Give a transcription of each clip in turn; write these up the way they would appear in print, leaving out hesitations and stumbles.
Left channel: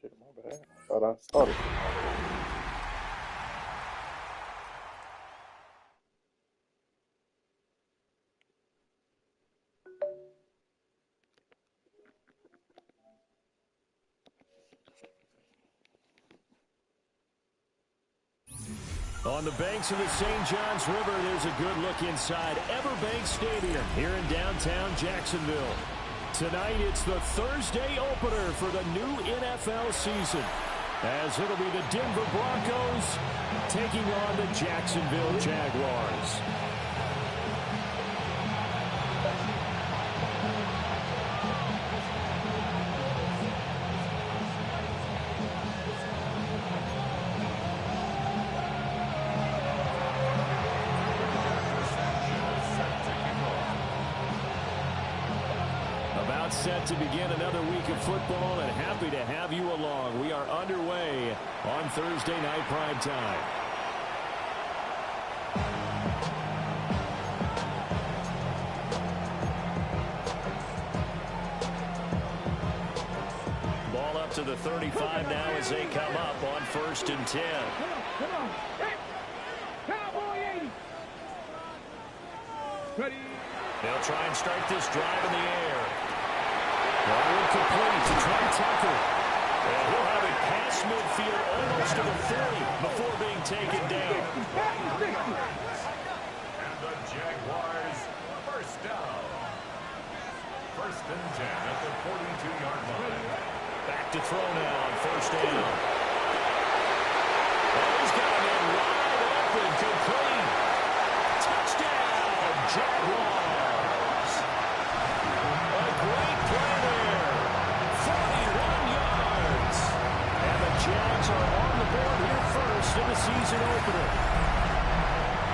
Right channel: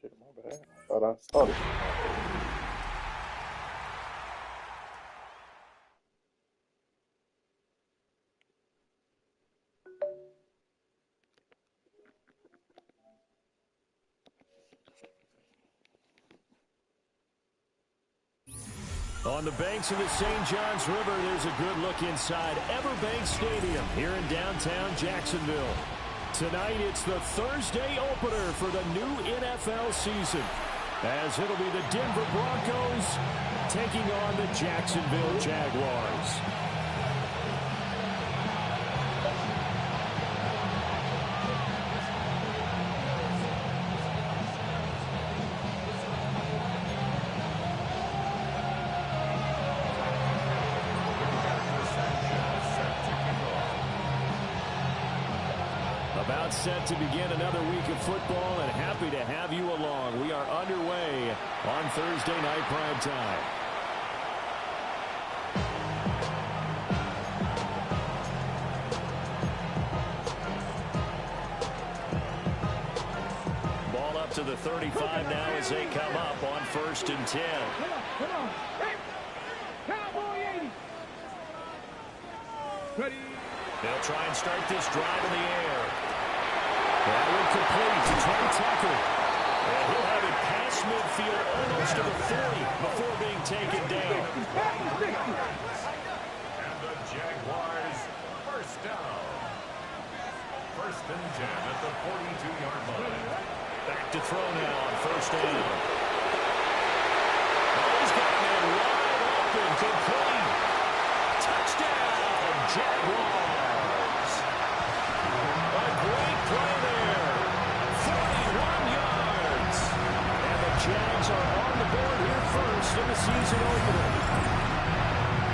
Shit, my bad. I thought I started. On the banks of the St. Johns River, there's a good look inside Everbank Stadium here in downtown Jacksonville. Tonight, it's the Thursday opener for the new NFL season, as it'll be the Denver Broncos taking on the Jacksonville Jaguars. About set to begin another week of football, and happy to have you along. We are underway on Thursday night prime time. Ball up to the 35 now as they come up on 1st and 10. Come on. Hey. Cowboy 80. Ready. They'll try and start this drive in the air. That will complete to Trey Tucker. And he'll have it past midfield almost to the 40 before being taken down. And the Jaguars first down. 1st and 10 at the 42-yard line. Back to throw now on 1st down. Oh, he's got a man wide open, complete. Touchdown, Jaguars. A great play there. 41 yards. And the Jags are on the board here first in the season opener.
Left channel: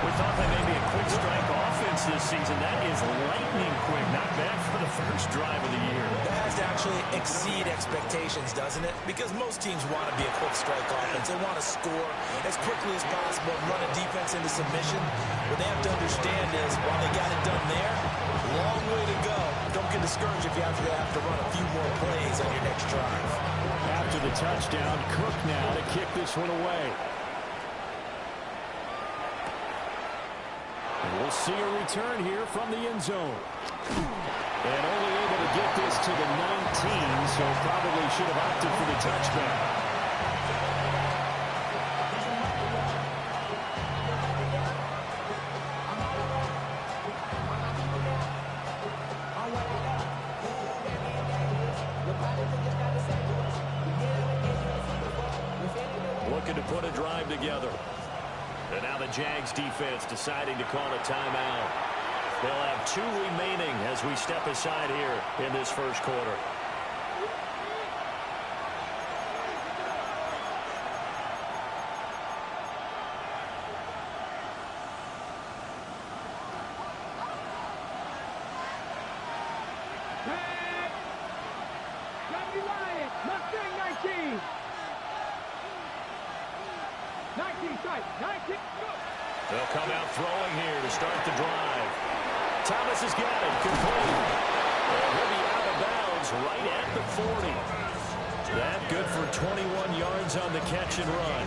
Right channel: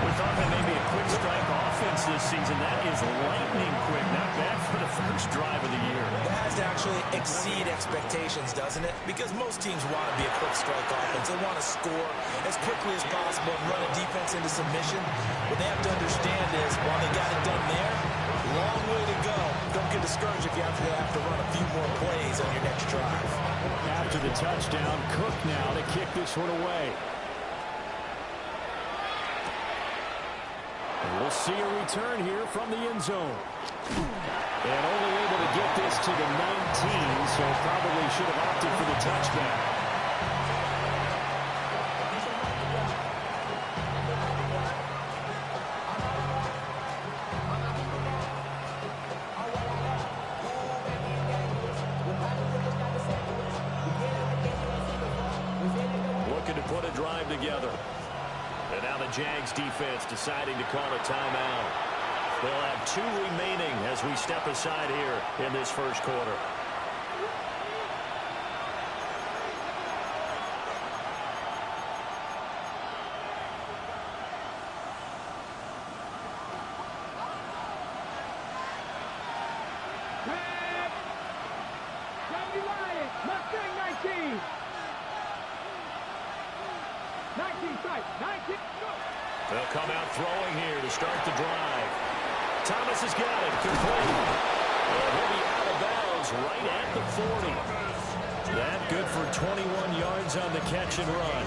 We thought that may be a quick strike offense this season. That is lightning quick. Not bad for the first drive of the year. That has to actually exceed expectations, doesn't it? Because most teams want to be a quick strike offense. They want to score as quickly as possible and run a defense into submission. What they have to understand is, while they got it done there, long way to go. Don't get discouraged if you have to run a few more plays on your next drive. After the touchdown, Cook now to kick this one away. And we'll see a return here from the end zone. And only able to get this to the 19, so probably should have opted for the touchback. Looking to put a drive together. And now the Jags defense deciding to call a timeout. They'll have 2 remaining as we step aside here in this first quarter. They'll come out throwing here to start the drive. Thomas has got it, complete. And he'll be out of bounds right at the 40. That good for 21 yards on the catch and run.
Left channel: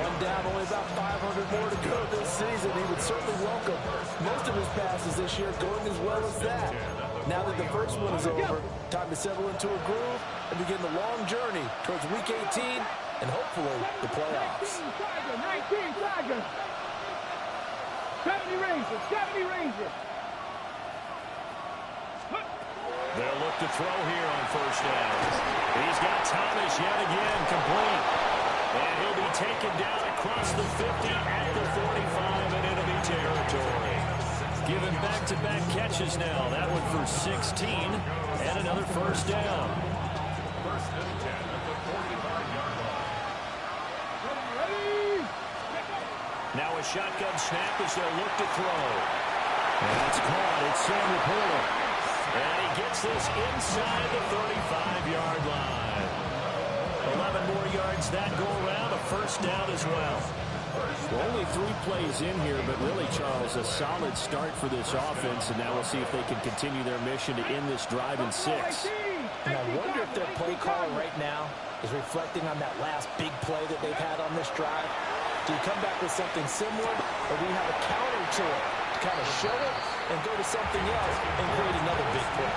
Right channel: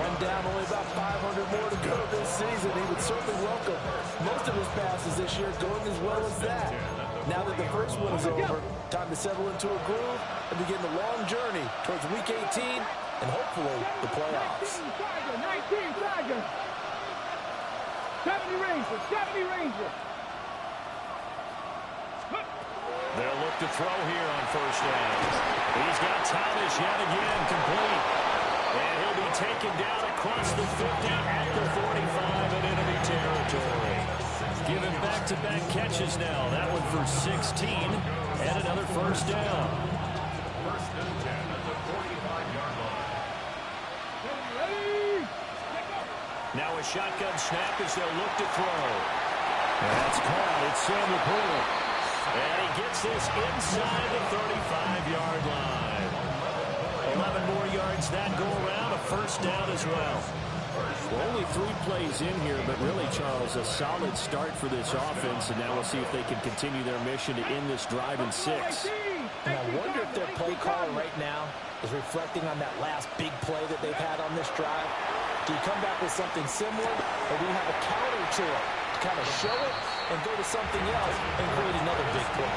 One down, only about 500 more to go this season. He would certainly welcome most of his passes this year going as well as that. Now that the first one is over, time to settle into a groove and begin the long journey towards Week 18 and hopefully the playoffs. 19 Tiger. 70 Rangers. 70 Rangers. They'll look to throw here on first down. He's got Thomas yet again, complete. And he'll be taken down across the 50 at the 45 in enemy territory. Given back-to-back catches now. That one for 16 and another first down. First and 10 at the 45-yard line. Ready? Now a shotgun snap as they'll look to throw. That's caught. It's Sam Laporta. And he gets this inside the 35-yard line. 11 more yards that go around. A first down as well. Well, only 3 plays in here, but really, Charles, a solid start for this offense. And now we'll see if they can continue their mission to end this drive in 6. And I wonder if their play caller right now is reflecting on that last big play that they've had on this drive. Do you come back with something similar, or do you have a counter to it to kind of show it and go to something else and create another big play?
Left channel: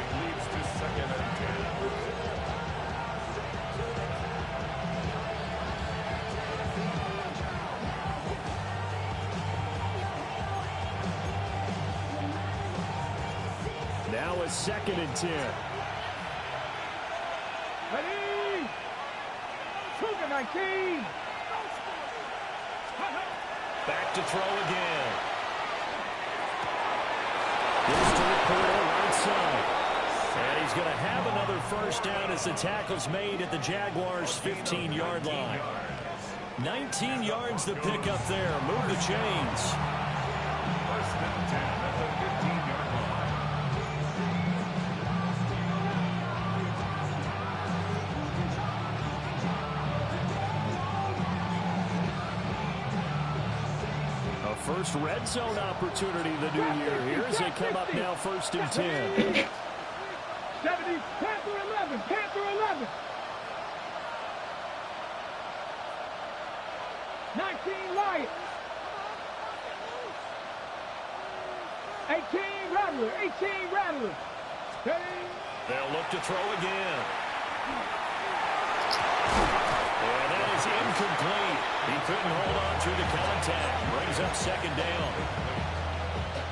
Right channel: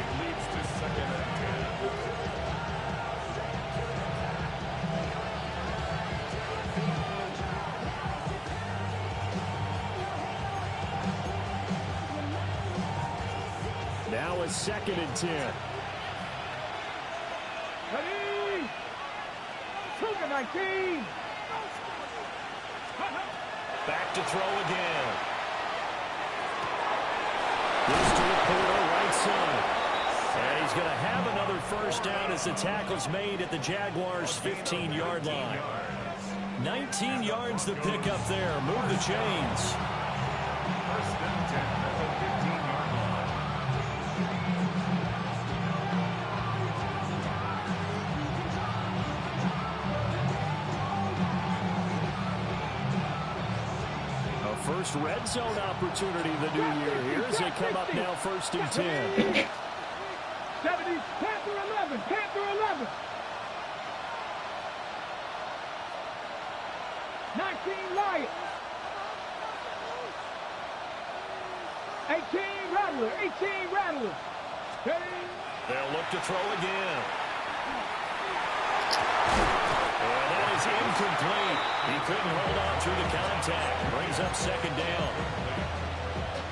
It leads to second and 10. Now a second and 10. Ready? Cougar 19. Back to throw again. This to Laporta, right side. And he's going to have another first down as the tackle's made at the Jaguars' 15-yard line. 19 yards the pick up there. Move the chains. First and 10 at the 15-yard line. A first red zone opportunity the new year here as they come up now first and 10. 70, Panther 11, Panther 11. 19 Lions. 18 Rattler, 18 Rattler. Ready? They'll look to throw again. And that is incomplete. He couldn't hold on through the contact. Brings up second down.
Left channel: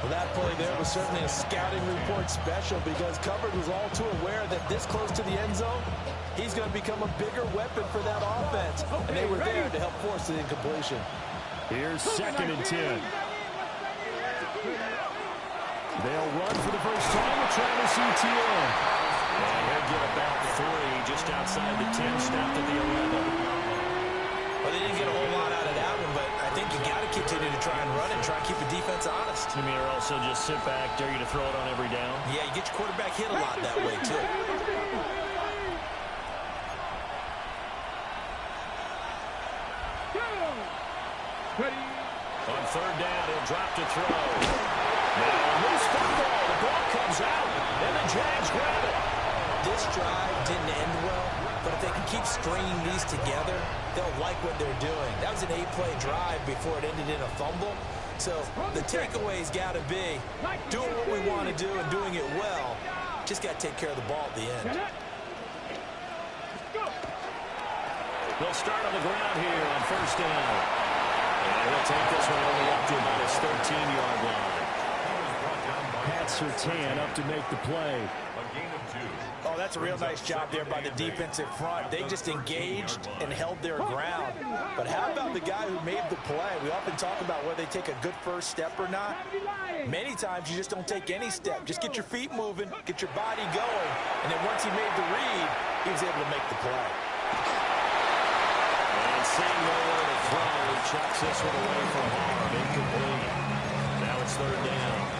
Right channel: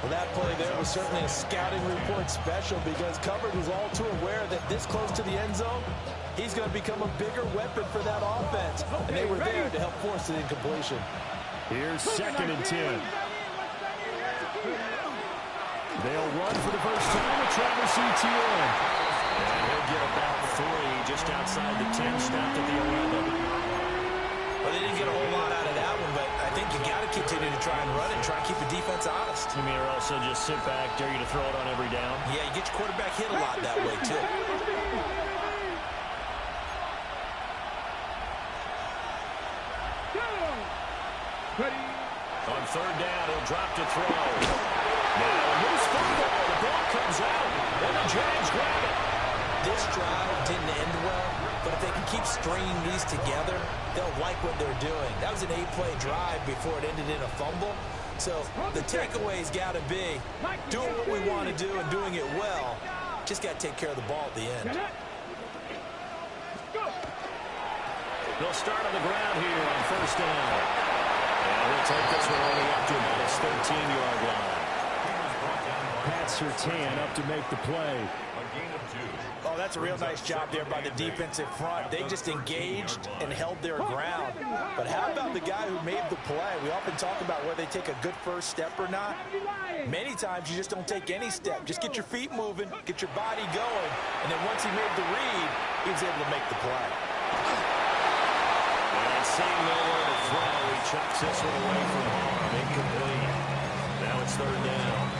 Well, that play there was certainly a scouting report special because Covered was all too aware that this close to the end zone, he's going to become a bigger weapon for that offense. And they were there to help force the incompletion. Here's second and 10. They'll run for the first time with Travis Etienne. And he'll get about 3 just outside the 10, stopped at the 11. Well, they didn't get a whole lot out of that one, but I think you got to continue to try and run and try and keep the defense honest. You mean, or also just sit back, dare you to throw it on every down? Yeah, you get your quarterback hit a lot that way, too. Ready? On third down, he'll drop to throw. Now a loose football. The ball comes out, and the Jags grab it. This drive didn't end well, but if they can keep stringing these together, they'll like what they're doing. That was an 8-play drive before it ended in a fumble. So the takeaway's got to be doing what we want to do and doing it well. Just got to take care of the ball at the end. They'll start on the ground here on first down. And he'll take this one only up to about his 13-yard line. Pat Surtain up to make the play. A gain of 2. Oh, that's a real nice job there by the defensive front. They just engaged and held their ground. But how about the guy who made the play? We often talk about whether they take a good first step or not. Many times you just don't take any step. Just get your feet moving, get your body going, and then once he made the read, he was able to make the play. And seeing nowhere to throw, he chucks this one away from harm. Incomplete. Now it's third down.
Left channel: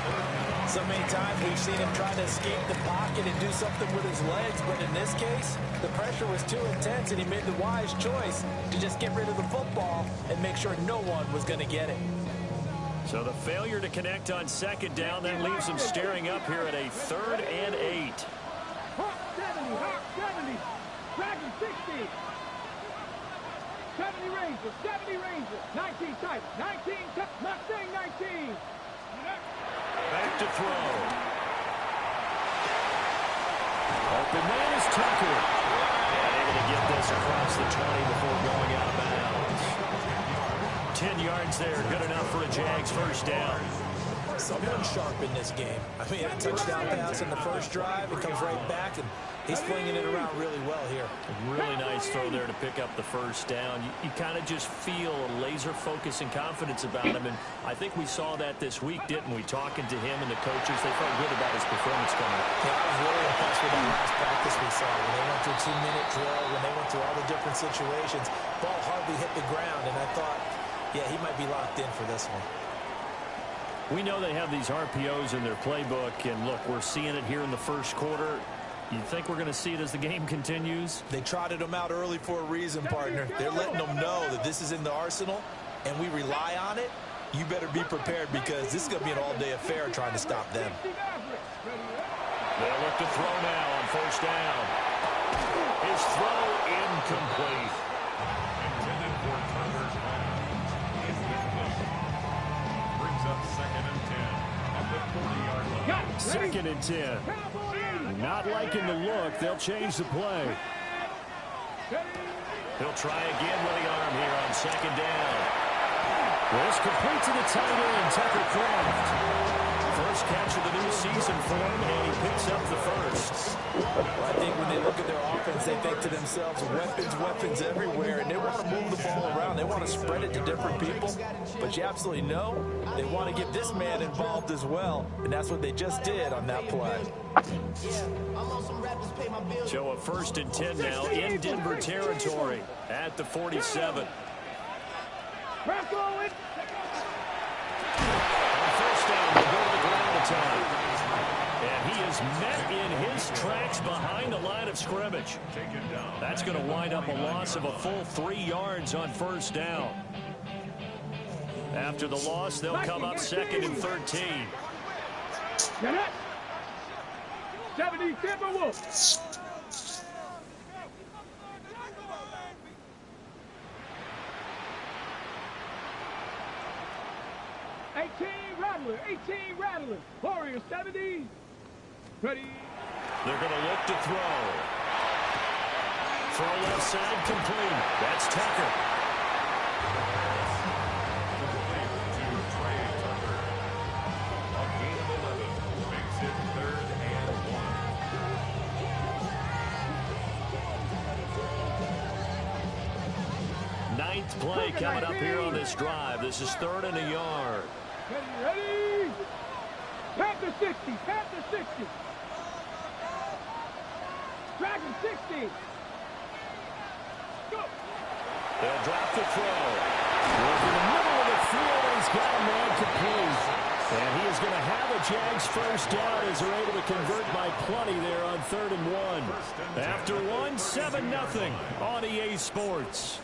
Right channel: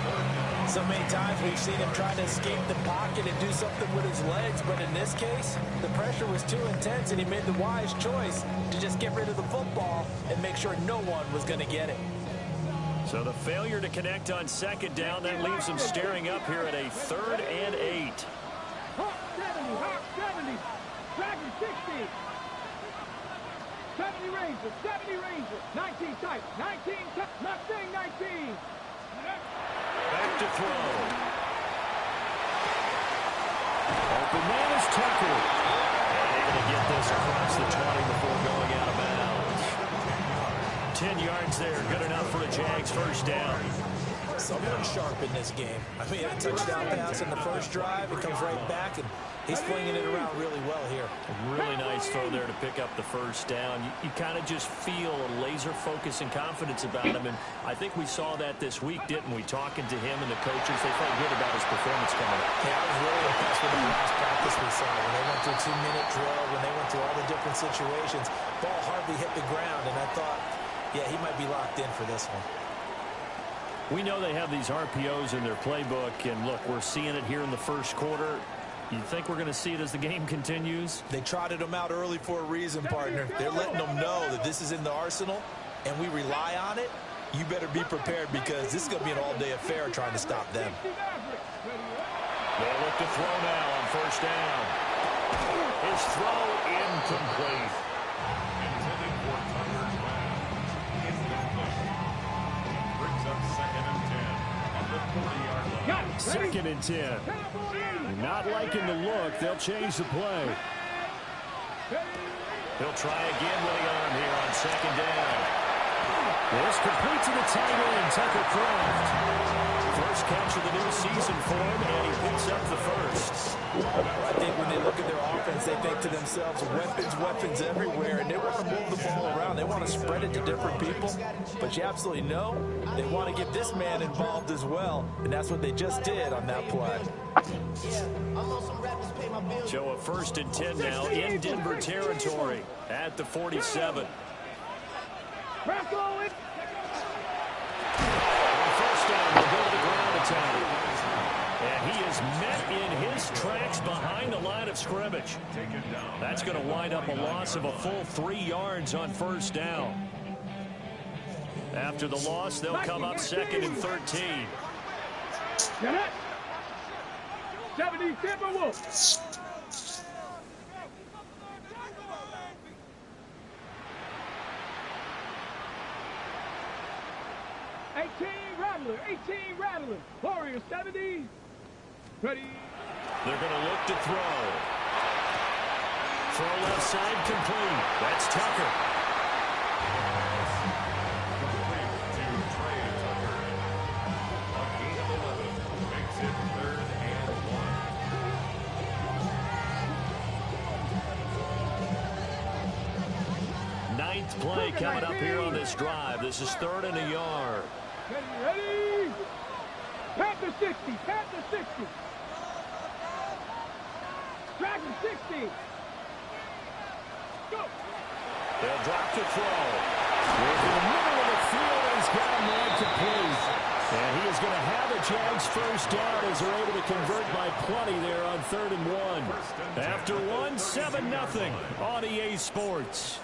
So many times we've seen him try to escape the pocket and do something with his legs, but in this case, the pressure was too intense and he made the wise choice to just get rid of the football and make sure no one was going to get it. So the failure to connect on second down, that leaves him staring up here at a 3rd and 8. Hawk 70, Hawk 70, Dragon 60. 70 Rangers, 70 Rangers, 19 type, 19 type, Mustang 19. Back to throw. Open man is Tucker. And able to get this across the 20 before going out of bounds. 10 yards there, good enough for a Jags first down. Someone's sharp in this game. I mean, a touchdown pass in the first drive. It comes right back, and he's flinging it around really well here. Really nice throw there to pick up the first down. You kind of just feel a laser focus and confidence about him, and I think we saw that this week, didn't we? Talking to him and the coaches, they felt good about his performance coming up. Yeah, I was really impressed with that last practice we saw. When they went through a 2-minute drill, when they went through all the different situations, ball hardly hit the ground, and I thought, yeah, he might be locked in for this one. We know they have these RPOs in their playbook, and look, we're seeing it here in the first quarter. You think we're going to see it as the game continues? They trotted them out early for a reason, partner. They're letting them know that this is in the arsenal, and we rely on it. You better be prepared because this is going to be an all-day affair trying to stop them. They'll look to throw now on first down. His throw incomplete. Intended for Tucker's pass. Incomplete. Brings up 2nd and 10 at the 40-yard line. 2nd and 10. Not liking the look. They'll change the play. He'll try again with the arm here on 2nd down. This complete to the tight end, Tucker Kraft. First catch of the new season for him, and he picks up the first. I think when they look at their offense, they think to themselves, weapons everywhere, and they want to move the ball around. They want to spread it to different people, but you absolutely know they want to get this man involved as well, and that's what they just did on that play. So a 1st and 10 now in Denver territory at the 47. On first down, they'll go to the ground attack. And he is met in his tracks behind the line of scrimmage. That's going to wind up a loss of a full 3 yards on first down. After the loss, they'll come up 2nd and 13. 70 Timberwolves. 18 Rattler. Warriors 70. Ready. They're going to look to throw. Throw left side complete. That's Tucker. Complete to Trey Tucker. A gain of 11 makes it 3rd and 1. Ninth play coming up here on this drive. This is 3rd and a yard. Ready. Panther 60. Panther 60. Dragon 60. Go. They'll drop the throw. Work in the middle of the field, and he's got a man complete. And he is going to have a Jags first down as they're able to convert by plenty there on 3rd and 1. After 1, 7-0 on EA Sports.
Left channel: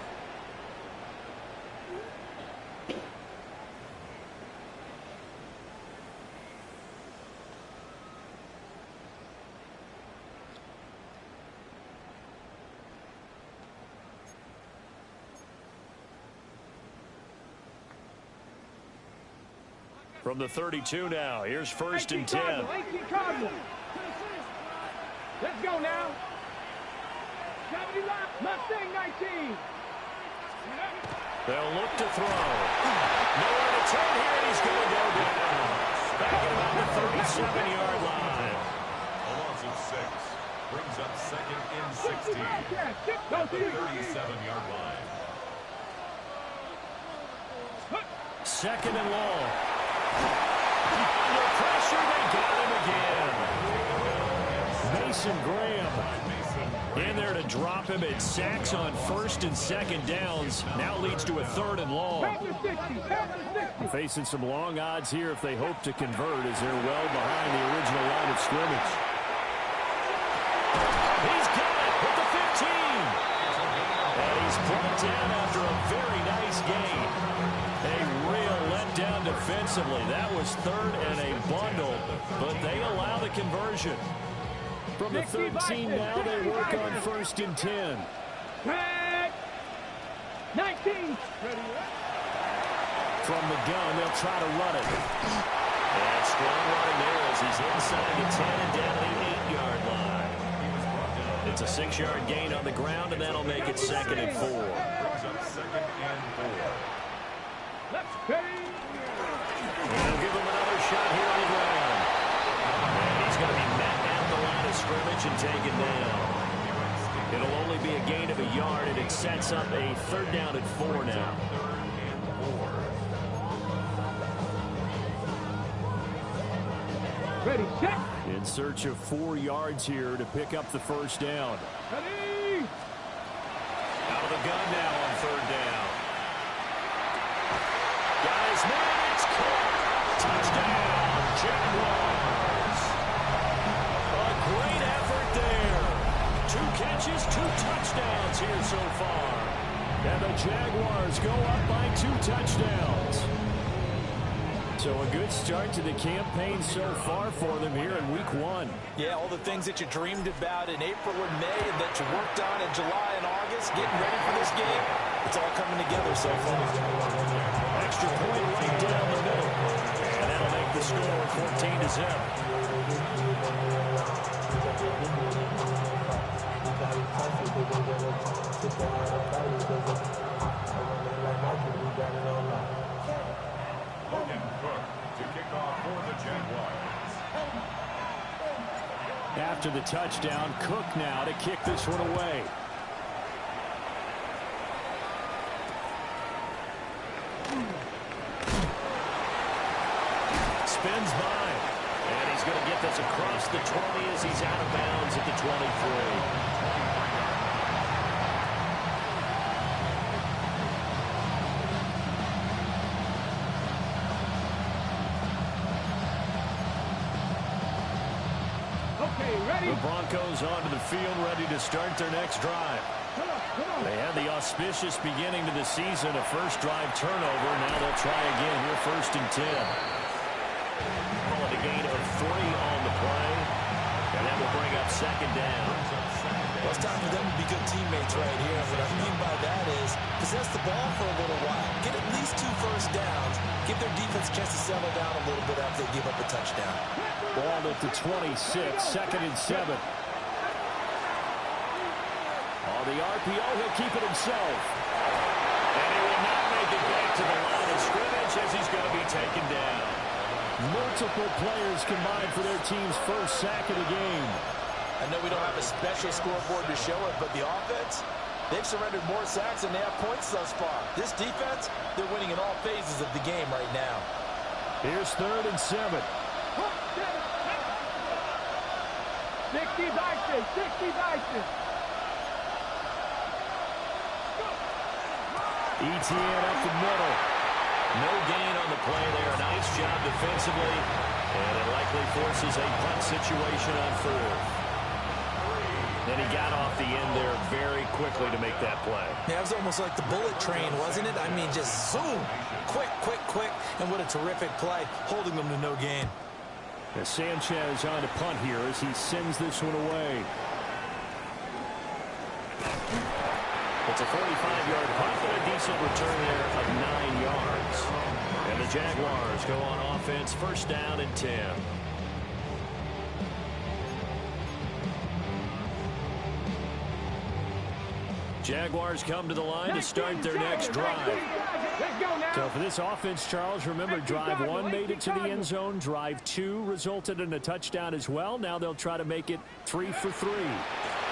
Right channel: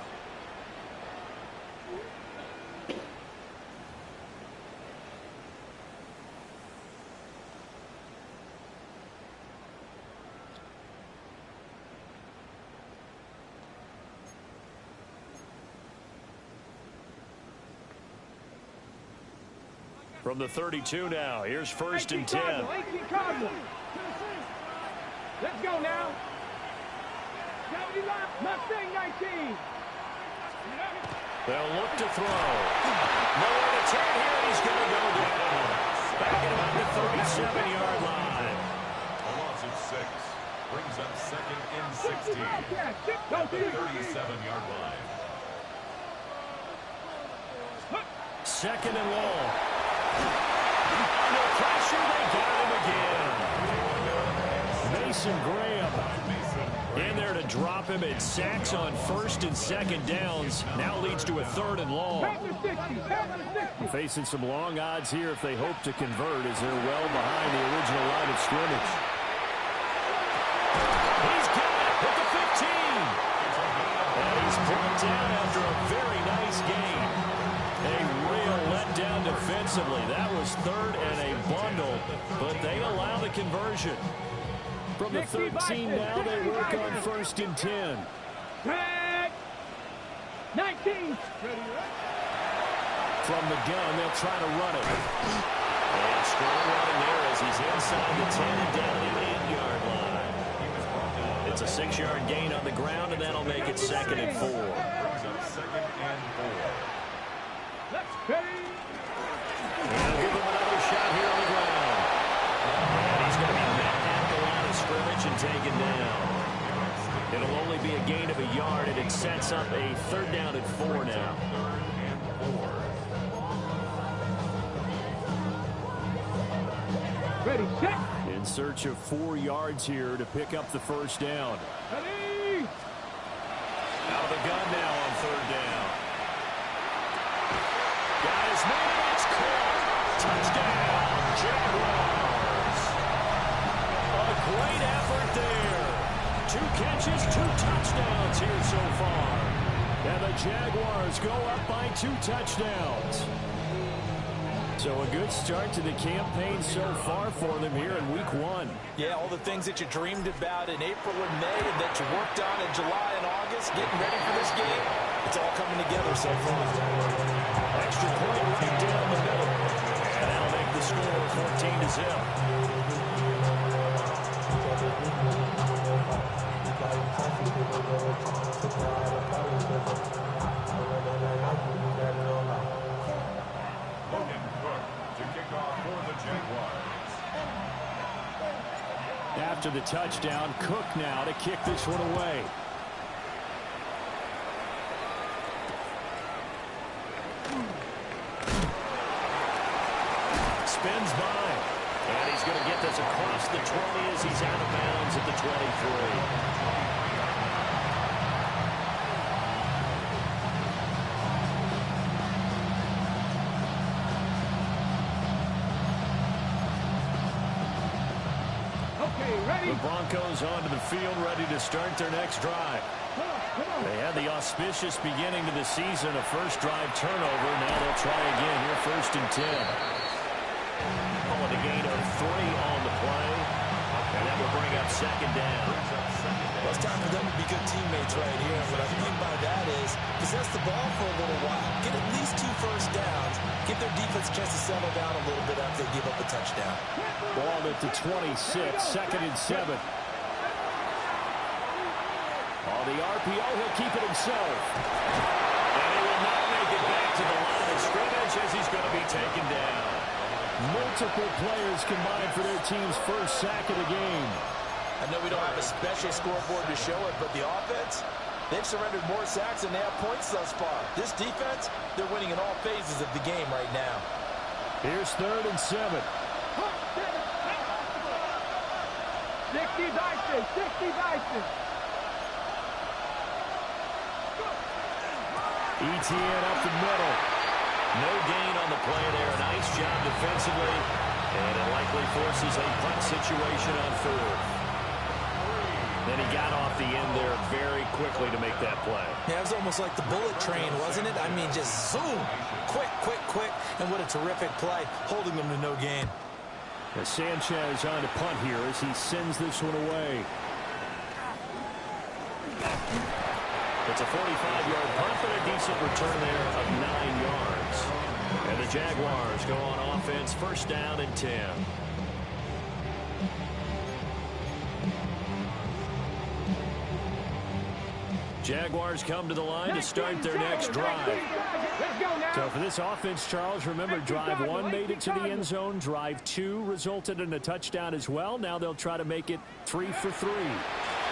From the 32 now, here's 1st and 10. 18 Cardinal. Let's go now. 70 line. Mustang 19. They'll look to throw. Nowhere to turn here, and he's going to go down. Back at about the 37-yard line. A loss of 6 brings up 2nd and 16 at the 37-yard line. 2nd and long. Under pressure, they got him again. Mason Graham in there to drop him at sacks on 1st and 2nd downs. Now leads to a 3rd and long. Facing some long odds here if they hope to convert as they're well behind the original line of scrimmage. He's got it with the 15. And he's brought down after a very nice gain. A real letdown defensively. That was 3rd and a bundle, but they allow the conversion. From the 13 now, they work on 1st and 10. 19. From the gun, they'll try to run it. And strong running there as he's inside the 10 and down to the 8-yard line. It's a 6-yard gain on the ground, and that'll make it 2nd and 4. Brings up 2nd and 4. Let's pay. He'll give him another shot here on the ground. And he's going to be met at the line of scrimmage and taken down. It'll only be a gain of a yard, and it sets up a 3rd down and 4 now. Ready, set. In search of 4 yards here to pick up the 1st down. Ready. Out of the gun now on 3rd down. Got his man, it's caught. Touchdown, Jaguars. A great effort there. 2 catches, 2 touchdowns here so far. And the Jaguars go up by 2 touchdowns. So a good start to the campaign so far for them here in week 1. Yeah, all the things that you dreamed about in April and May and that you worked on in July and August, getting ready for this game, it's all coming together so far. Extra point right down the middle. And that'll make the score 14-0. Logan Cook to kick off for the Jaguars. After the touchdown, Cook now to kick this one away. Spins by. And he's going to get this across the 20 as he's out of bounds at the 23. Ready. The Broncos onto the field, ready to start their next drive. Come on. They had the auspicious beginning to the season, a first drive turnover. Now they'll try again here, 1st and 10. Call it a gain of 3 on the play, and that will bring up 2nd down. Well, it's time for them to be good teammates right here. What I mean by that is possess the ball for a little while. Get at least 2 first downs. Give their defense a chance to settle down a little bit after they give up a touchdown. Ball at the 26, 2nd and 7. On the RPO, he'll keep it himself. And he will not make it back to the line of scrimmage as he's going to be taken down. Multiple players combined for their team's first sack of the game. I know we don't have a special scoreboard to show it, but the offense, they've surrendered more sacks than they have points thus far. This defense, they're winning in all phases of the game right now. Here's 3rd and 7. 60 Dyson. 60 Dyson. ETN up the middle. No gain on the play there. Nice job defensively. And it likely forces a punt situation on 4th. And he got off the end there very quickly to make that play. Yeah, it was almost like the bullet train, wasn't it? I mean, just zoom. Quick. And what a terrific play, holding them to no gain. As Sanchez on to punt here as he sends this one away. It's a 45-yard punt, but a decent return there of 9 yards. And the Jaguars go on offense, 1st down and 10. Jaguars come to the line to start their next drive. So for this offense, Charles, remember, drive 1 made it to the end zone. Drive 2 resulted in a touchdown as well. Now they'll try to make it 3 for 3.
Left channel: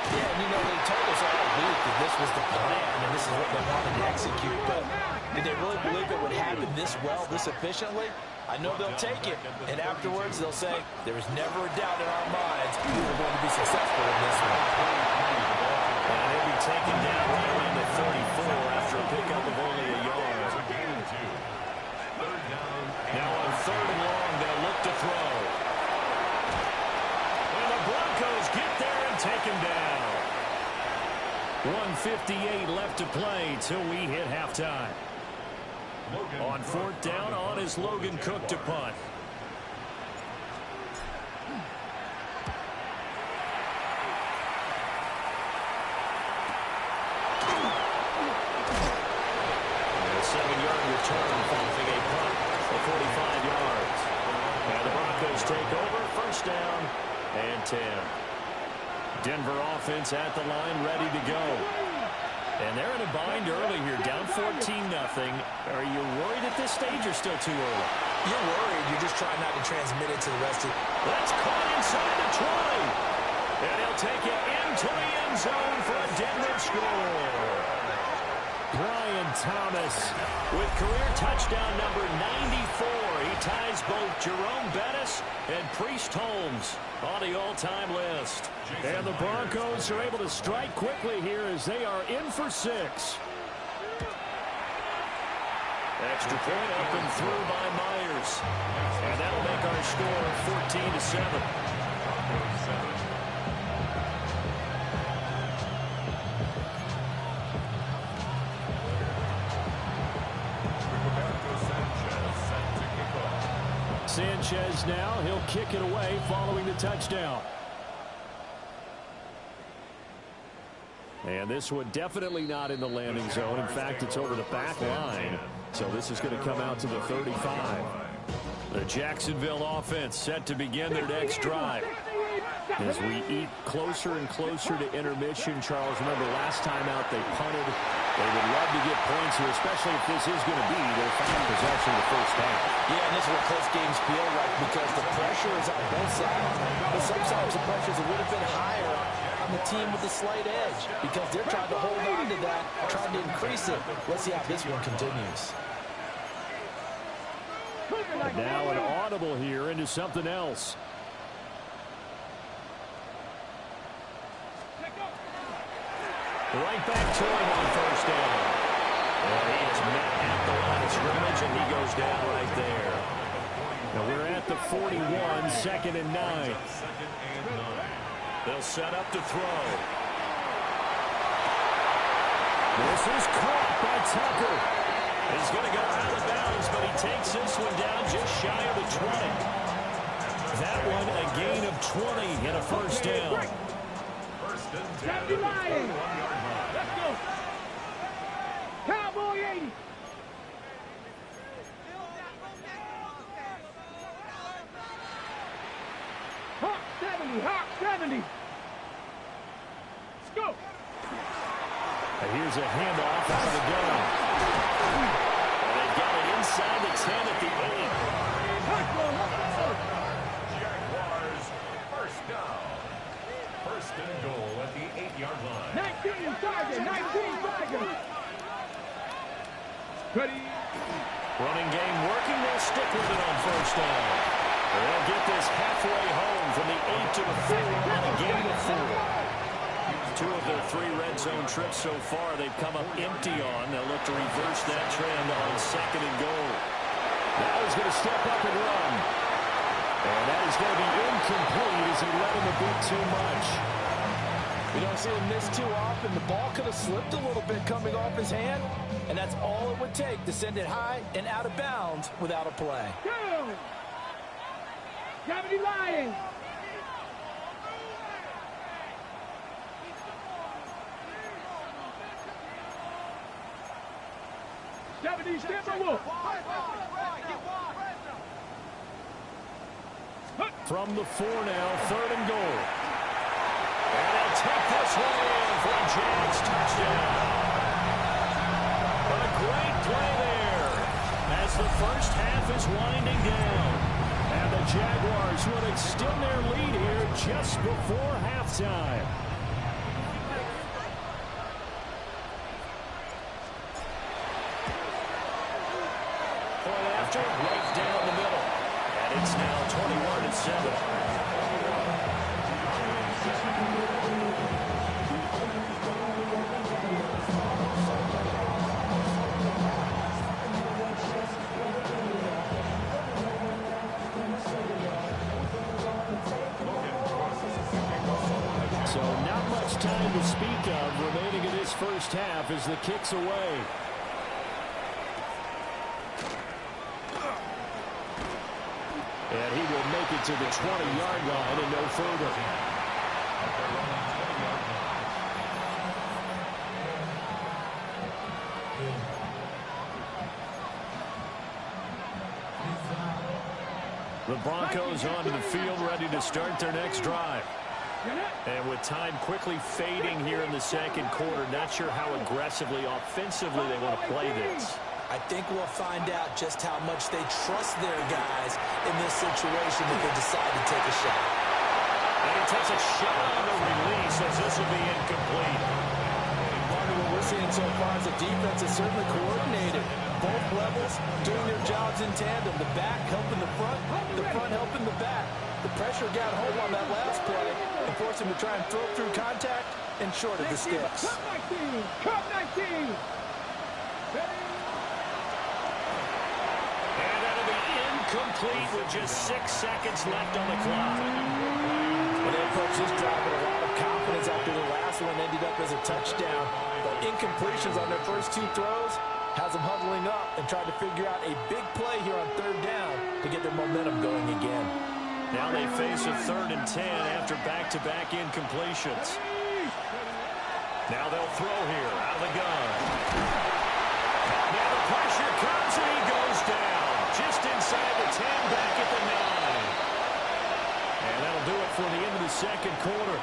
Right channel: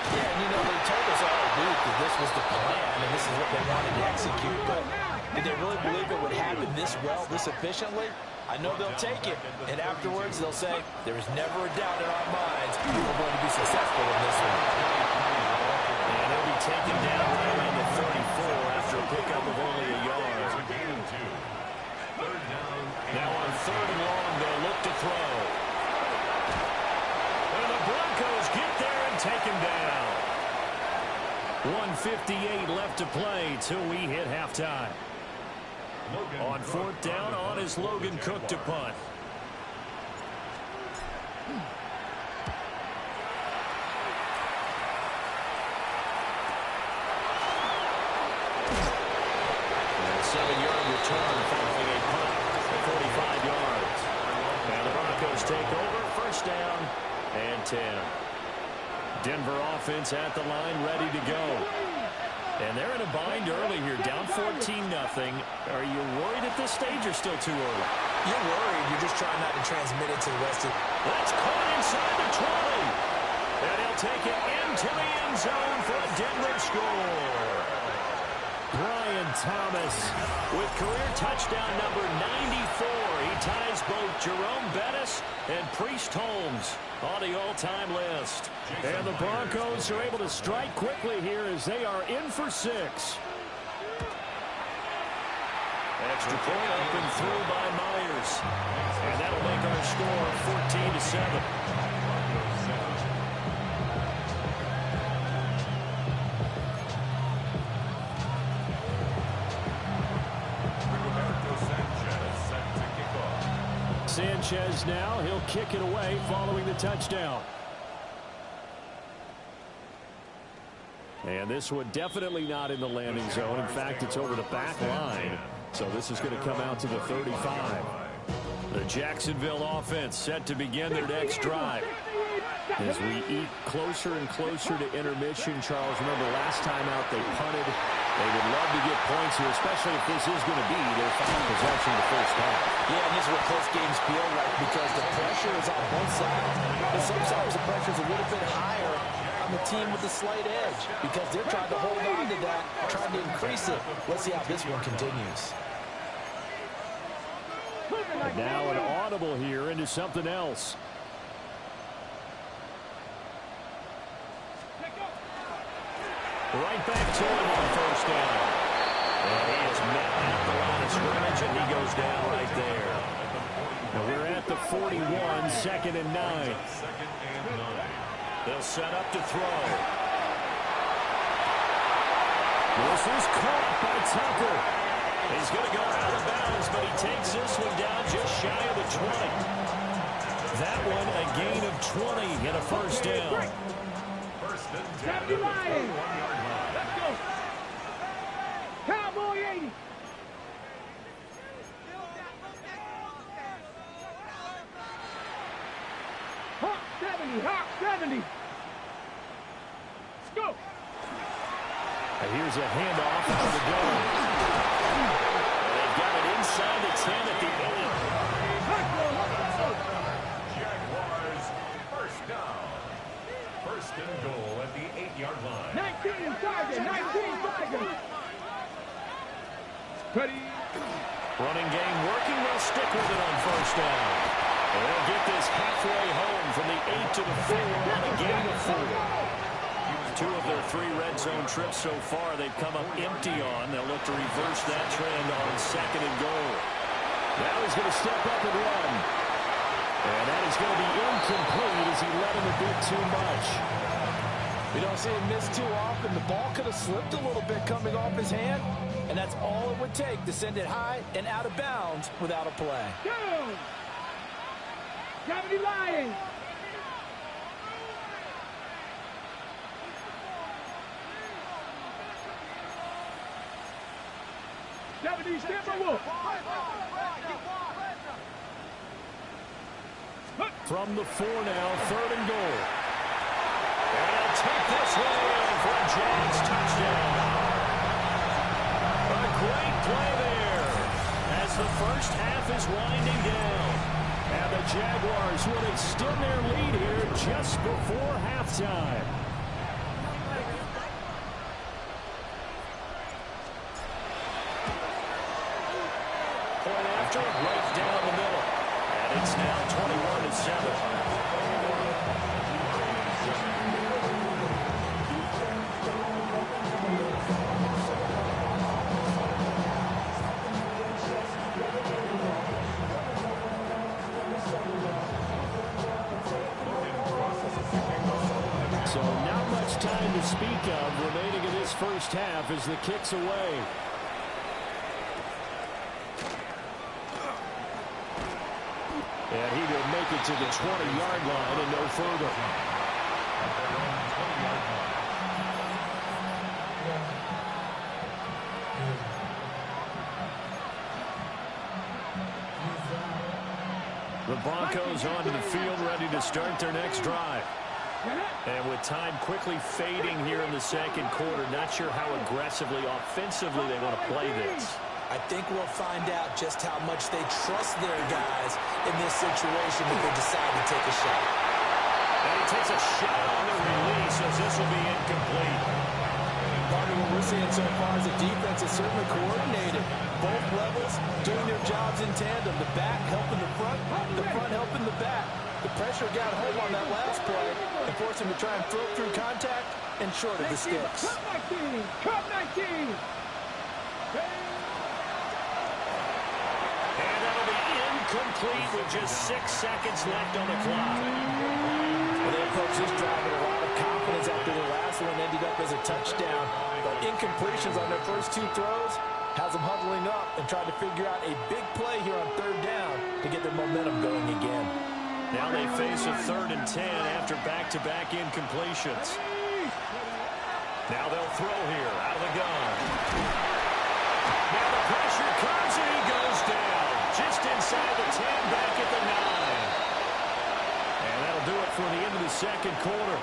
Yeah, and you know, they told us all week that this was the plan and this is what they wanted to execute. But did they really believe it would happen this well, this efficiently? I know they'll take it, and afterwards they'll say, there is never a doubt in our minds we're going to be successful in this one. And he'll be taken down right around the 34 after a pickup of only a yard. Now on 3rd and long, they'll look to throw. And the Broncos get there and take him down. 1:58 left to play till we hit halftime. On 4th down, on is Logan Cook to punt. And a 7-yard return following a punt of 45 yards. And the Broncos take over, 1st down and 10. Denver offense at the line, ready to go. And they're in a bind early here, down 14-0. Are you worried at this stage or still too early? You're worried. You're just trying not to transmit it to the rest of it. That's caught inside the 20. And he'll take it into the end zone for a Denver score. Brian Thomas with career touchdown number 94. He ties both Jerome Bettis and Priest Holmes on the all-time list. And the Broncos are able to strike quickly here as they are in for 6. Extra point up and through by Myers. And that'll make our score 14-7. Sanchez now, he'll kick it away following the touchdown. And this one definitely not in the landing zone. In fact, it's over the back line. So this is going to come out to the 35. The Jacksonville offense set to begin their next drive. As we eat closer and closer to intermission, Charles, remember last time out they punted. They would love to get points here, especially if this is going to be their final possession of the first half. Yeah, and this is what close games feel like because the pressure is on both sides. But sometimes the pressure is a little bit higher on the team with the slight edge because they're trying to hold on to that, trying to increase it. Let's see how this one continues. And now an audible here into something else. Right back to him on first down. And he is met at the line of scrimmage, and he goes down right there. Now we're at the 41, 2nd and 9. They'll set up to throw. This is caught by Tucker. He's going to go out of bounds, but he takes this one down just shy of the 20. That one a gain of 20 and a first down. First and 10 at the 41-yard line. Let's go. Cowboy 80. Hawk 70. Hawk 70. Let's go. And here's a handoff out of the gun. And they've got it inside the 10 at the 8. Jaguars, first down. First and goal at the 8-yard line. 19 Tiger. 19 Tiger. Ready. Running game working. They'll stick with it on first down. They'll get this halfway home from the 8 to the 4 on a gain of 4. 2 of their 3 red zone trips so far they've come up empty on. They'll look to reverse that trend on 2nd and goal. Now he's going to step up and run. And that is going to be incomplete as he let him a bit too much. We don't see him miss too often. The ball could have slipped a little bit coming off his hand, and that's all it would take to send it high and out of bounds without a play. Down. 70 Lions. From the 4 now, 3rd and goal. And he'll take this one in for a Jags touchdown. A great play there as the first half is winding down. And the Jaguars will extend their lead here just before halftime. Point after, right down the middle. And it's now 21-7. So not much time to speak of remaining in this first half as the kick's away. And he will make it to the 20-yard line and no further. At their own 20-yard line. The Broncos onto the field ready to start their next drive. And with time quickly fading here in the second quarter, not sure how aggressively, offensively they want to play this. I think we'll find out just how much they trust their guys in this situation if they decide to take a shot. And he takes a shot on the release as this will be incomplete. Partner, what we're seeing so far is the defense is certainly coordinated. Both levels doing their jobs in tandem. The back helping the front helping the back. The pressure got home on that last play and forced him to try and throw through contact and short of the sticks. Cup 19! Cup 19! And that'll be incomplete with just 6 seconds left on the clock. Well, they approached this drive with a lot of confidence after their last one ended up as a touchdown. But incompletions on their first 2 throws has them huddling up and trying to figure out a big play here on 3rd down to get their momentum going again. Now they face a 3rd and 10 after back-to-back incompletions. Now they'll throw here out of the gun. Now the pressure comes and he goes down. Just inside the 10, back at the 9. And that'll do it for the end of the second quarter.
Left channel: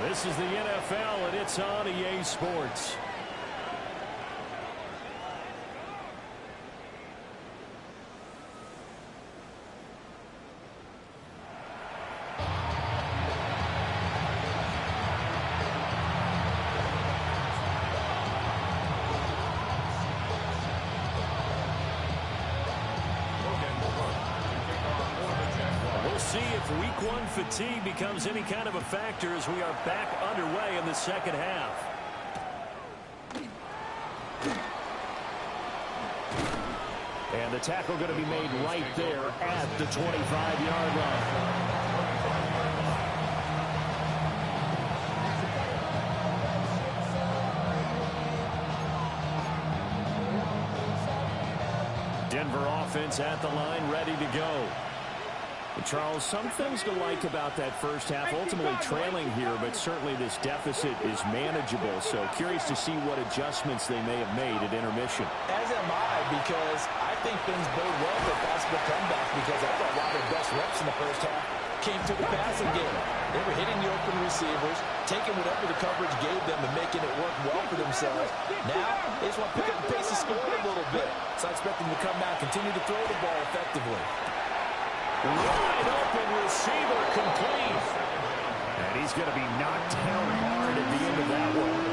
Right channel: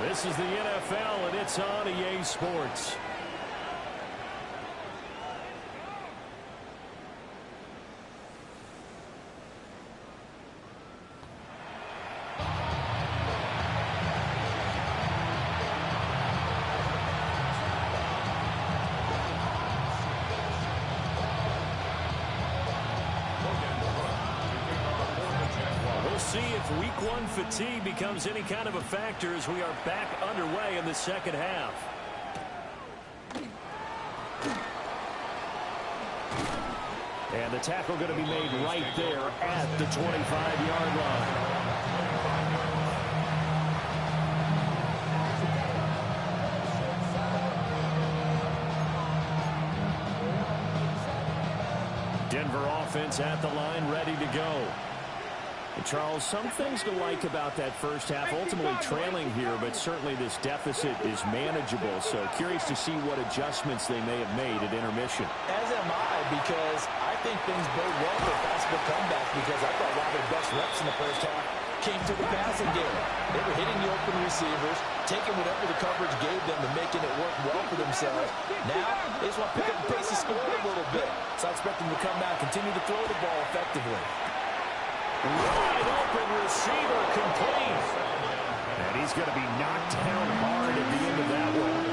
This is the NFL, and it's on EA Sports. See if week 1 fatigue becomes any kind of a factor as we are back underway in the second half. And the tackle going to be made right there at the 25-yard line. Denver offense at the line, ready to go. And Charles, some things to like about that first half, ultimately trailing here, but certainly this deficit is manageable. So curious to see what adjustments they may have made at intermission. As am I, because I think things bode well for possible comeback, because I thought a lot of their best reps in the first half came to the passing game. They were hitting the open receivers, taking whatever the coverage gave them and making it work well for themselves. Now, they just want to pick up the pace of scoring a little bit. So I expect them to come back, continue to throw the ball effectively. Wide open receiver complete. And he's going to be knocked down hard at the end of that one.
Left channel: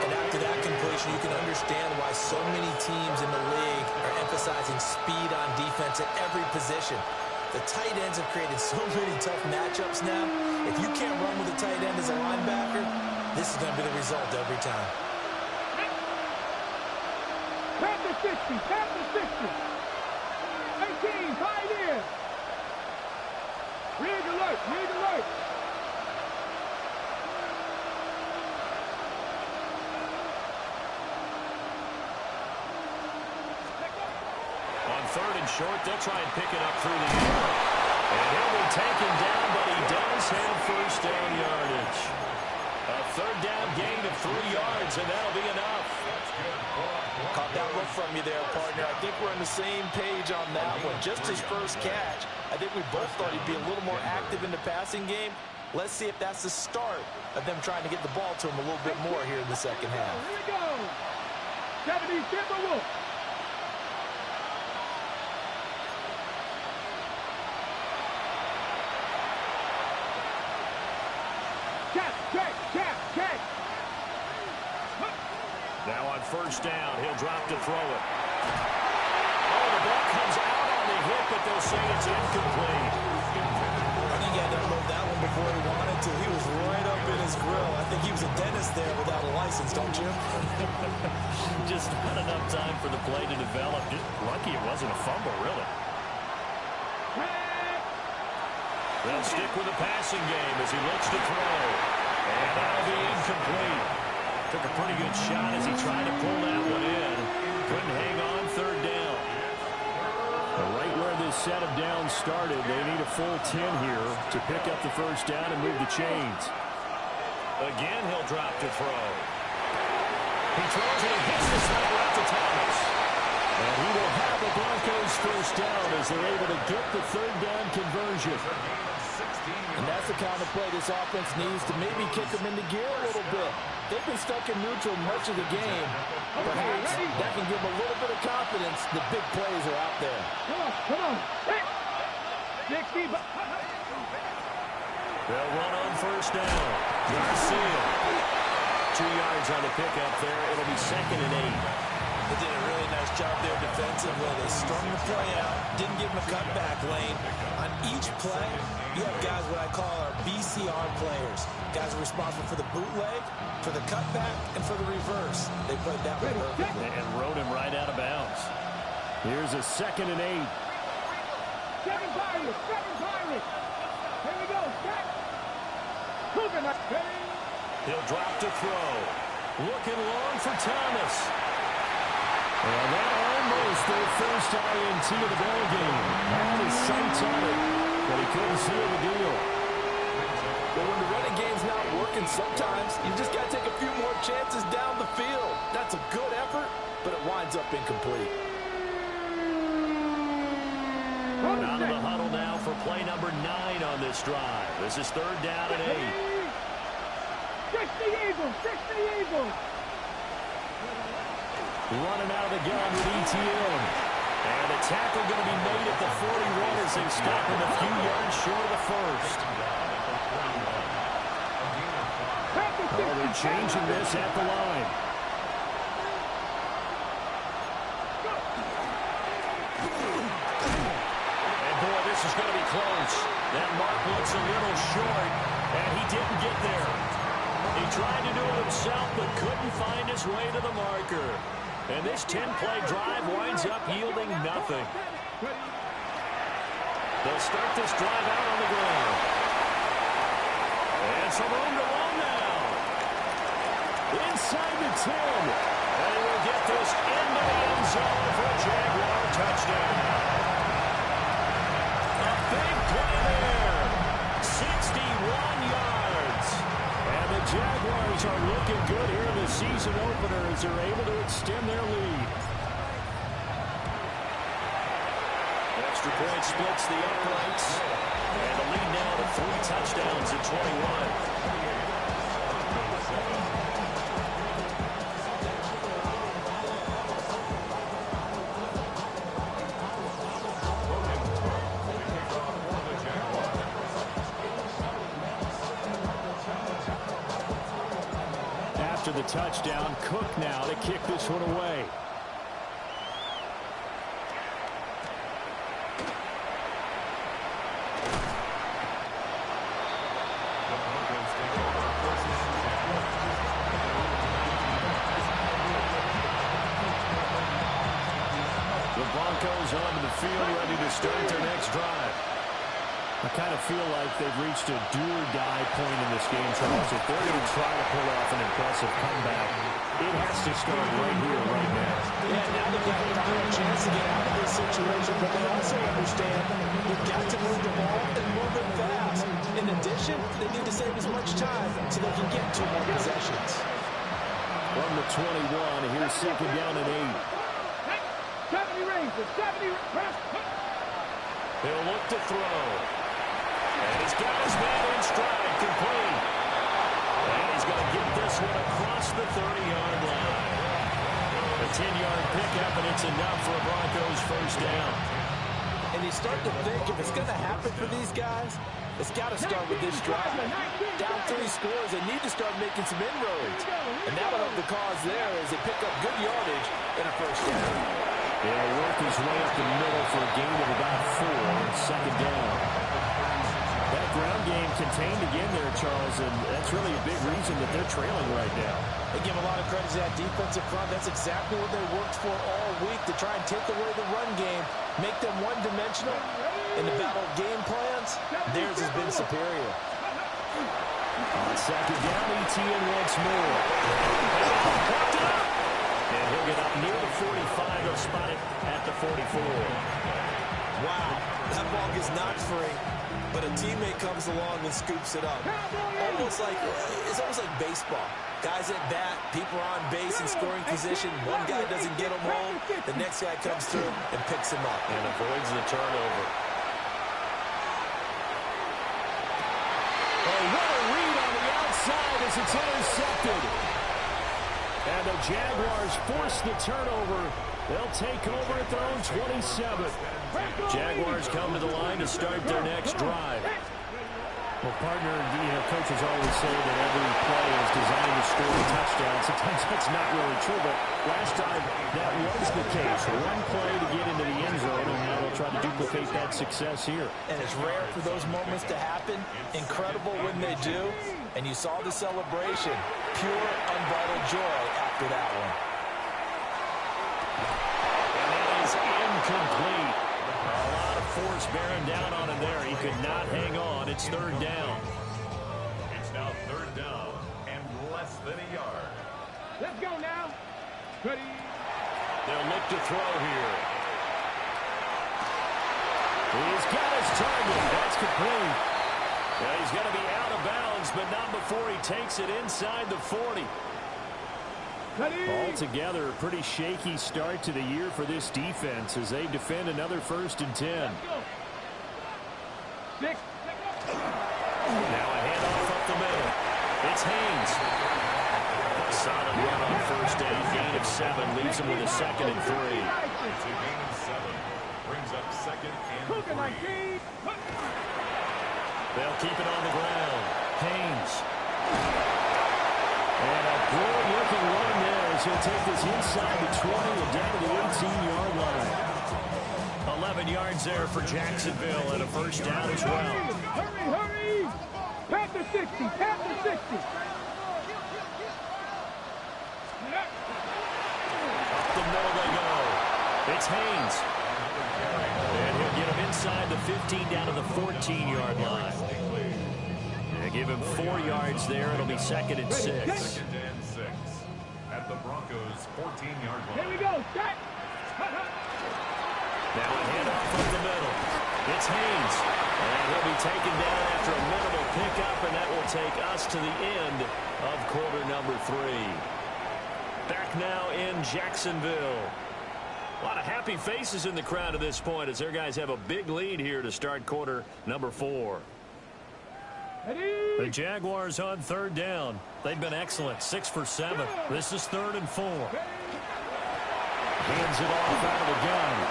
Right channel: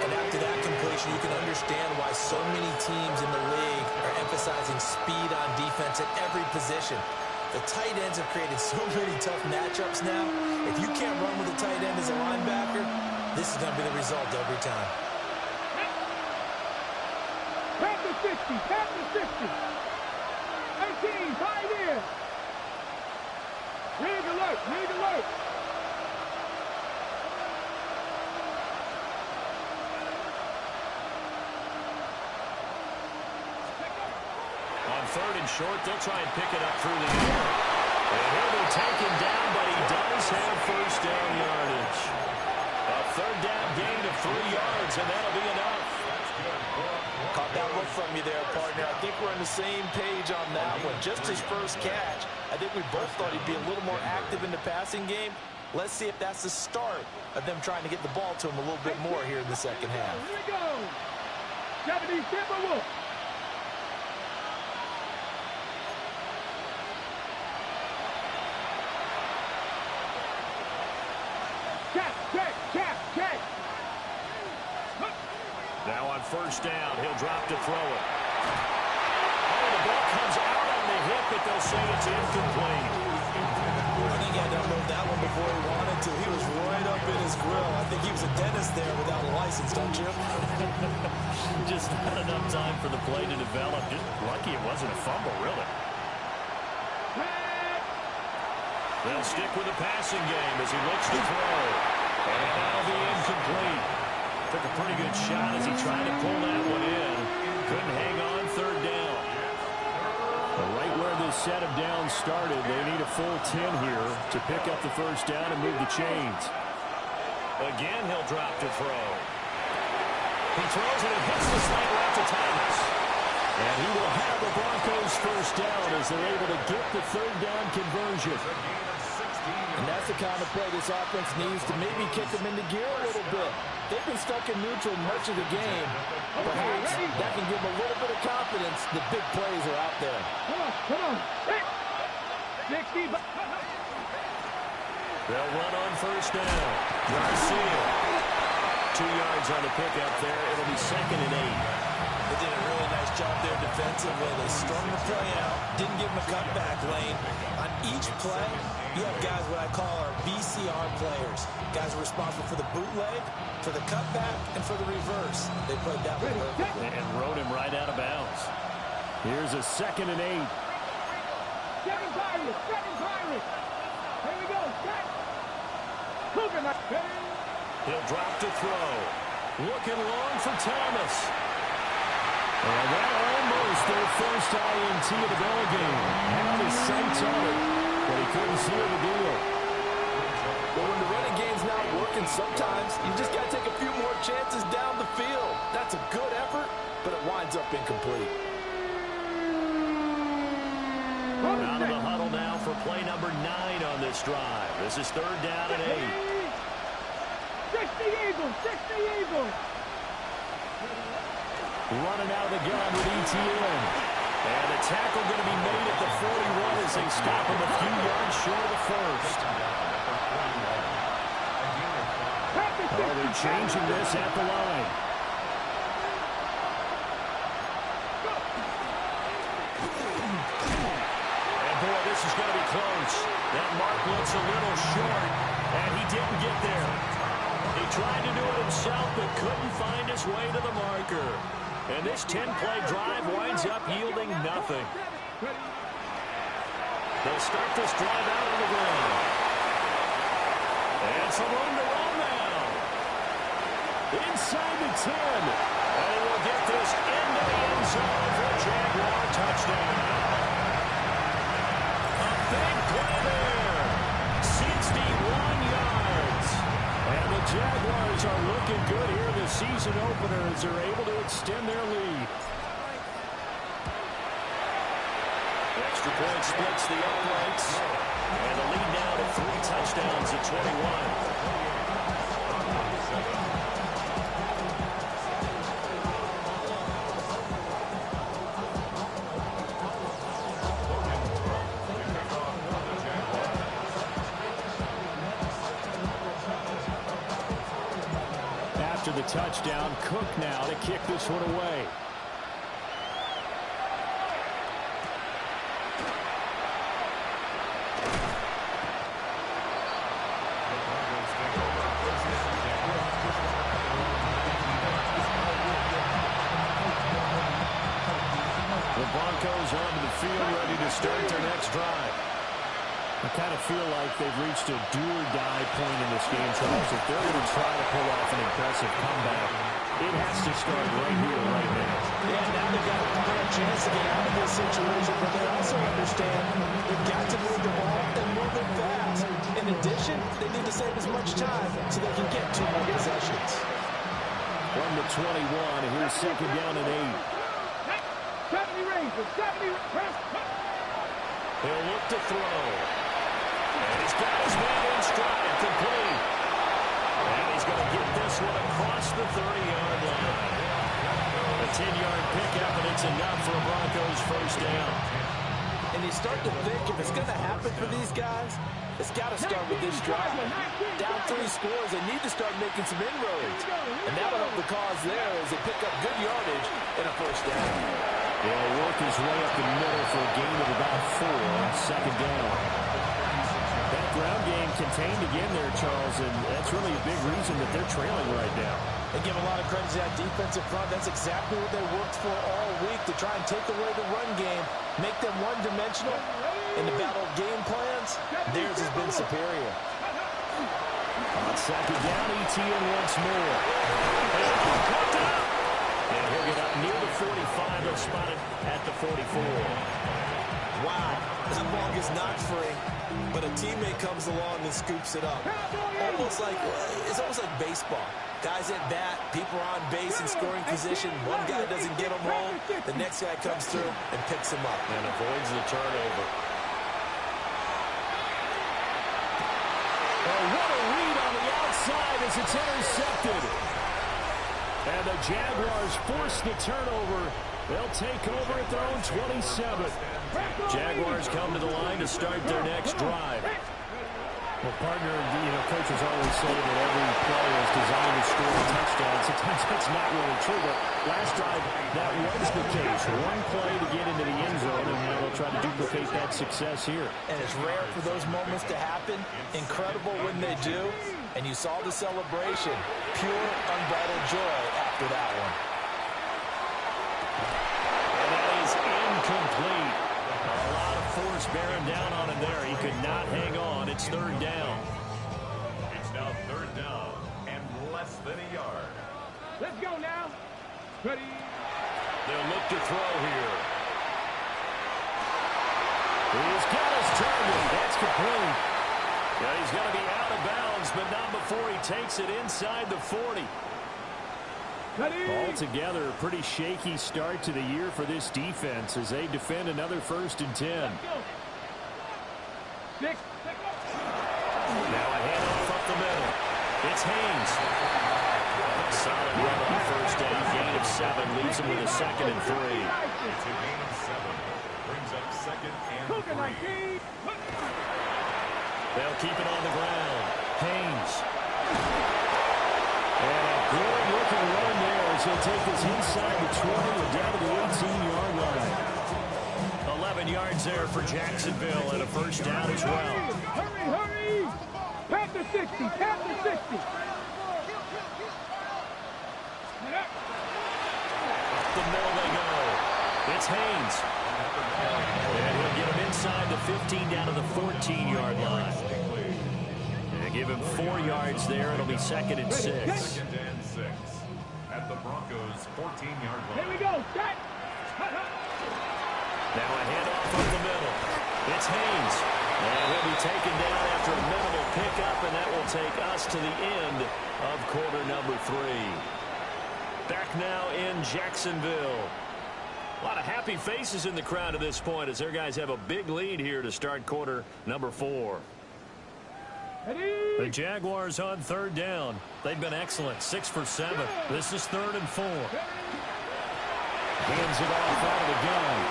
And after that completion, you can understand why so many teams in the league are emphasizing speed on defense at every position. The tight ends have created so many tough matchups now. If you can't run with a tight end as a linebacker, this is going to be the result every time. Tap the 60, tap the 60. 18, 5 in. Rig alert, rig alert. On 3rd and short, they'll try and pick it up through the air. And he'll be taken down, but he does have first down yardage. A 3rd down gain of 3 yards, and that'll be enough. Caught that look from you there, partner. I think we're on the same page on that one. Just his first catch, I think we both thought he'd be a little more active in the passing game. Let's see if that's the start of them trying to get the ball to him a little bit more here in the second half. Here we go. 70 Timberwolves. Check. Now on 1st down, he'll drop to throw it. Oh, the ball comes out on the hit, but they'll say it's incomplete. I think he had to unload that one before he wanted to. He was right up in his grill. I think he was a dentist there without a license, don't you? Just not enough time for the play to develop. Just lucky it wasn't a fumble, really. They'll stick with the passing game as he looks to throw. And that'll be incomplete. Took a pretty good shot as he tried to pull that one in. Couldn't hang on 3rd down. Right where this set of downs started, they need a full 10 here to pick up the first down and move the chains. Again, he'll drop to throw. He throws it and hits the slant route to Thomas. And he will have the Broncos first down as they're able to get the 3rd down conversion. And that's the kind of play this offense needs to maybe kick them into gear a little bit. they've been stuck in neutral much of the game, perhaps that can give them a little bit of confidence. The big plays are out there. Come on. 60. They'll run on first down. Garcia. 2 yards on the pickup there. It'll be 2nd and 8. They did a really nice job there defensively. They strung the play out, didn't give them a cutback lane. On each play, you have guys what I call our BCR players. Guys are responsible for the bootleg, for the cutback, and for the reverse. They played that one perfectly. And rode him right out of bounds. Here's a 2nd and 8. 7 Pirates. Here we go. Coconut. He'll drop to throw. Looking long for Thomas. And that almost their first INT of the ball game. Had his sights on it, but he couldn't seal the deal. But when the running game's not working, sometimes you just got to take a few more chances down the field. That's a good effort, but it winds up incomplete. Out of the huddle now for play number 9 on this drive. This is 3rd down and 8. 60 Eagles. Running out of the gun with ETN. And the tackle going to be made at the 41 as they stop him a few yards short of the first. Oh, they're changing this at the line. And boy, this is going to be close. That mark looks a little short, and he didn't get there. He tried to do it himself, but couldn't find his way to the marker. And this 10-play drive winds up yielding nothing. They'll start this drive out on the ground. And some room to run now. Inside the 10. And he will get this into the end zone for a Jaguar touchdown. A big play there. 61 yards. And the Jaguars are looking good here in the season opener as they're able to extend their lead. Extra point splits the uprights. And the lead now to 3 touchdowns at 21. After the touchdown, Cook now to kick this one away. The Broncos take over 1st and 10. The Broncos onto the field, ready to start their next drive. I kind of feel like they've reached a do-or-die point in this game, Charles. If they're going to try to pull off an impressive comeback, it has to start right here, right now. Yeah, now they've got a final chance to get out of this situation, but they also understand they've got to move the ball and move it fast. In addition, they need to save as much time so they can get 2 more possessions. From the 21, here's 2nd down and 8. 70 Rangers. 70 press. He'll look to throw. And he's got his man in stride, complete. And he's going to get this one across the 30-yard line. A 10-yard pickup, and it's enough for a Broncos first down. And you start to think if it's going to happen for these guys, it's got to start with this drive. Down 3 scores, they need to start making some inroads. And that'll help the cause there as they pick up good yardage and a first down. He'll work his way up the middle for a gain of about 4 on 2nd down. That ground game contained again there, Charles, and that's really a big reason that they're trailing right now. They give a lot of credit to that defensive front. That's exactly what they worked for all week, to try and take away the run game, make them one-dimensional. In the battle of game plans, theirs has been superior. On 2nd down, ETN once more. Caught it up! And he'll get up near the 45. They'll spot it at the 44. Wow, that ball gets knocked free, but a teammate comes along and scoops it up. It's almost like baseball. Guys at bat, people are on base in scoring position. One guy doesn't get him home. The next guy comes through and picks him up. And avoids the turnover. Oh, what a read on the outside. outside as it's intercepted. And the Jaguars force the turnover. They'll take over at their own 27. Jaguars come to the line to start their next drive. Well, partner, coaches always say that every play is designed to score a touchdown. Sometimes that's not really true, but last drive, that was the case. One play to get into the end zone, and now they'll try to duplicate that success here. And it's rare for those moments to happen. Incredible when they do. And you saw the celebration. Pure, unbridled joy after that one. And that is incomplete. A lot of force bearing down on him there. He could not hang on. It's third down. It's now third down and less than a yard. Let's go now. Ready. They'll look to throw here. He's got his target. That's complete. Yeah, he's going to be out of bounds, but not before he takes it inside the 40. Altogether, a pretty shaky start to the year for this defense as they defend another 1st and 10. Six. Now a handoff up the middle. It's Haynes. Solid run on 1st down. Gain of 7 leaves him with a 2nd and 3. It's a gain of 7. Brings up 2nd and 3. They'll keep it on the ground. Haynes. And a good-looking run there as he'll take this inside the 20 and down to the 18-yard line. 11 yards there for Jacksonville and a 1st down as well. Hurry! Past the 60! Past the 60! Up the middle they go. It's Haynes. And he'll get him inside the 15 down to the 14-yard line. And give him 4 yards there. It'll be 2nd and 6. 2nd and 6 at the Broncos' 14-yard line. Here we go. Set. Now a handoff up the middle. It's Haynes. And he'll be taken down after a minimal pickup, and that will take us to the end of quarter number 3. Back now in Jacksonville. A lot of happy faces in the crowd at this point as their guys have a big lead here to start quarter number 4. The Jaguars on 3rd down. They've been excellent. 6 for 7. This is 3rd and 4. Hands it off out of the gun.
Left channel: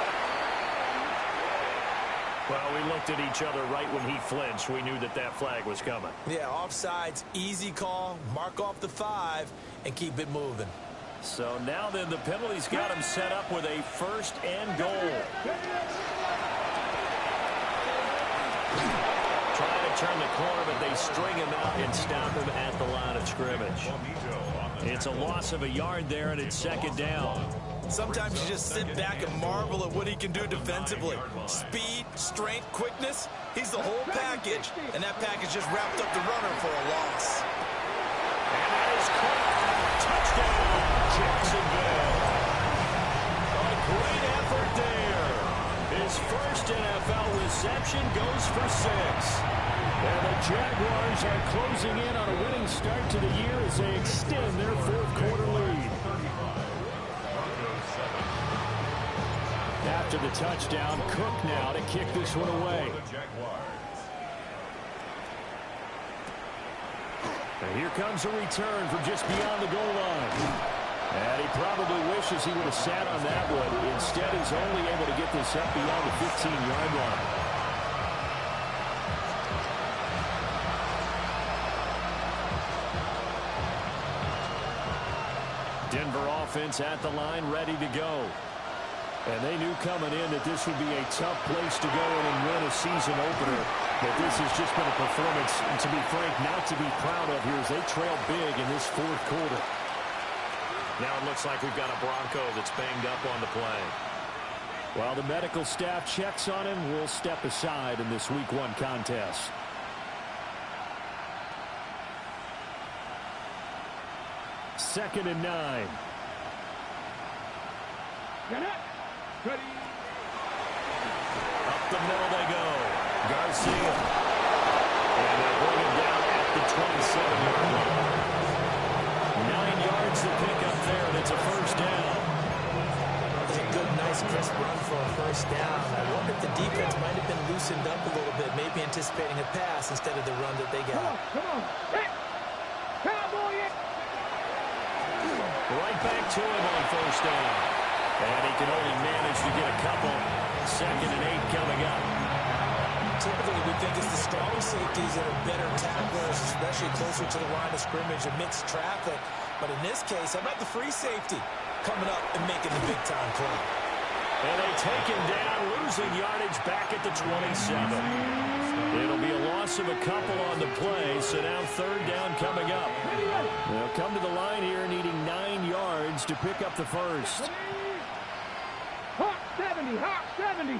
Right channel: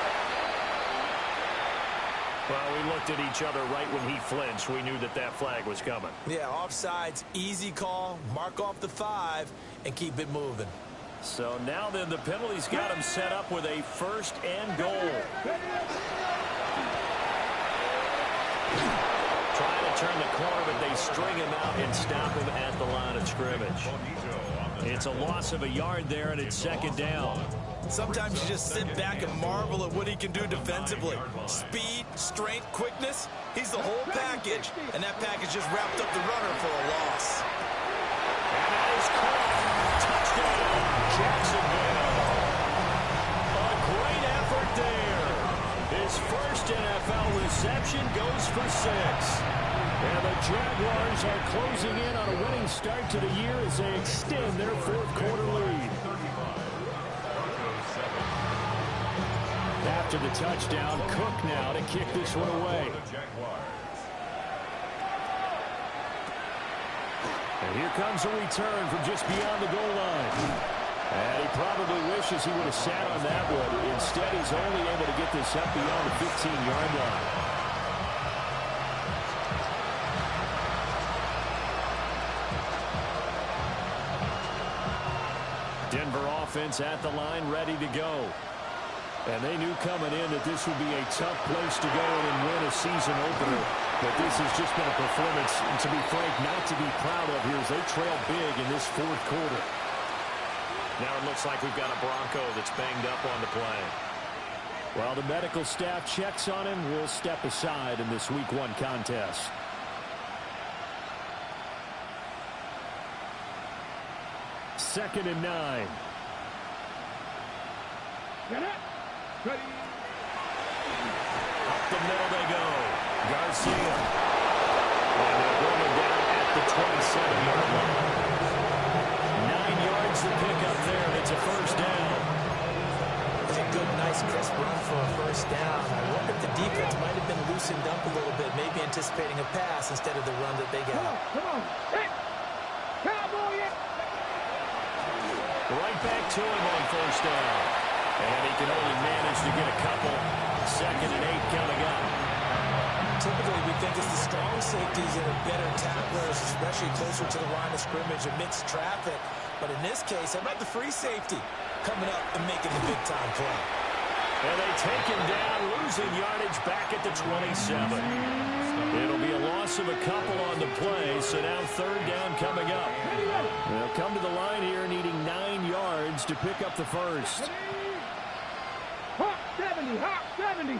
Well, we looked at each other right when he flinched. We knew that that flag was coming. Yeah, offsides, easy call, mark off the 5, and keep it moving. So now then the penalty's got him set up with a 1st and goal. Trying to turn the corner, but they string him out and stop him at the line of scrimmage. It's a loss of a yard there, and it's 2nd down. Sometimes you just sit back and marvel at what he can do defensively. Speed, strength, quickness, he's the whole package. And that package just wrapped up the runner for a loss. And that is caught. Touchdown, Jacksonville. A great effort there. His first NFL reception goes for 6. And the Jaguars are closing in on a winning start to the year as they extend their 4th quarter lead. After the touchdown, Cook now to kick this one away. And here comes a return from just beyond the goal line. And he probably wishes he would have sat on that one. Instead, he's only able to get this up beyond the 15-yard line. Denver offense at the line, ready to go. And they knew coming in that this would be a tough place to go in and win a season opener. But this has just been a performance, to be frank, not to be proud of here as they trail big in this 4th quarter. Now it looks like we've got a Bronco that's banged up on the play. While the medical staff checks on him, we'll step aside in this Week 1 contest. Second and 9. Get it. Ready. Up the middle they go. Garcia. And they'll bring him down at the 27-yard line. 9 yards to pick up there, and it's a 1st down. It's a good, nice, crisp run for a 1st down. I wonder if the defense might have been loosened up a little bit, maybe anticipating a pass instead of the run that they got. Come on. Hey. it back to him on first down. And he can only manage to get a couple. 2nd and 8 coming up. Typically, we think it's the strong safeties that are better tacklers, especially closer to the line of scrimmage amidst traffic. But in this case, how about the free safety coming up and making the big-time play? And they take him down, losing yardage back at the 27. It'll be a loss of a couple on the play, so now 3rd down coming up. They'll come to the line here needing 9 yards to pick up the first. Hawk 70, Hawk 70.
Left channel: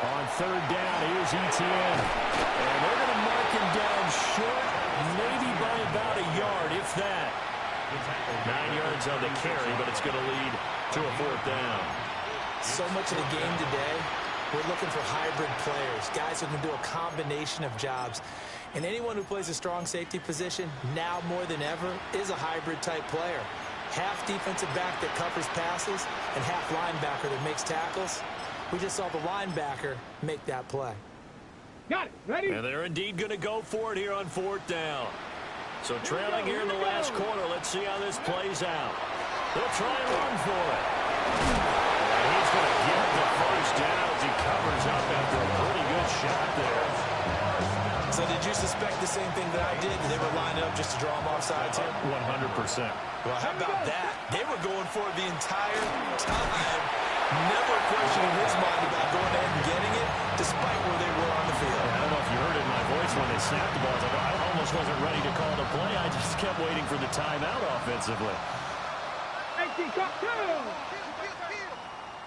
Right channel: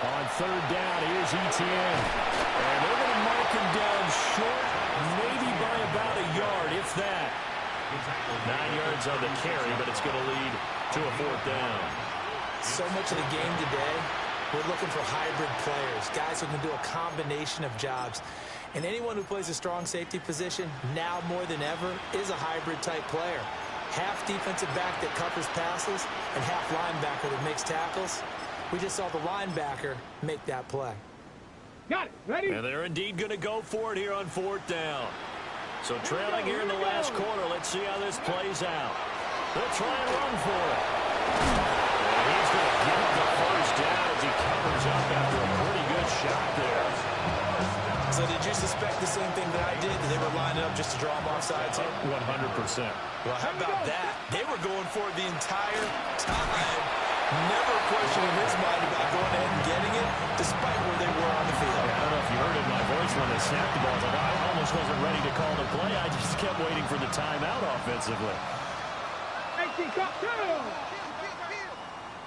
On 3rd down, here's Etienne. And they're going to mark him down short, maybe by about a yard, if that. 9 yards on the carry, but it's going to lead to a 4th down. So much of the game today, we're looking for hybrid players, guys who can do a combination of jobs. And anyone who plays a strong safety position, now more than ever, is a hybrid-type player. Half defensive back that covers passes and half linebacker that makes tackles. We just saw the linebacker make that play. Got it. Ready? And they're indeed going to go for it here on 4th down. So trailing here in the last quarter, let's see how this plays out. They'll try and run for it. And he's going to get the first down as he covers up after a pretty good shot there. So did you suspect the same thing that I did? That they were lining up just to draw them off sides here? 100%. Well, how about that? They were going for it the entire time. Never a question in his mind about going ahead and getting it, despite where they were on the field. Yeah, I don't know if you heard it in my voice when they snapped the ball. I was like, I almost wasn't ready to call the play. I just kept waiting for the timeout offensively. 18, cut 2.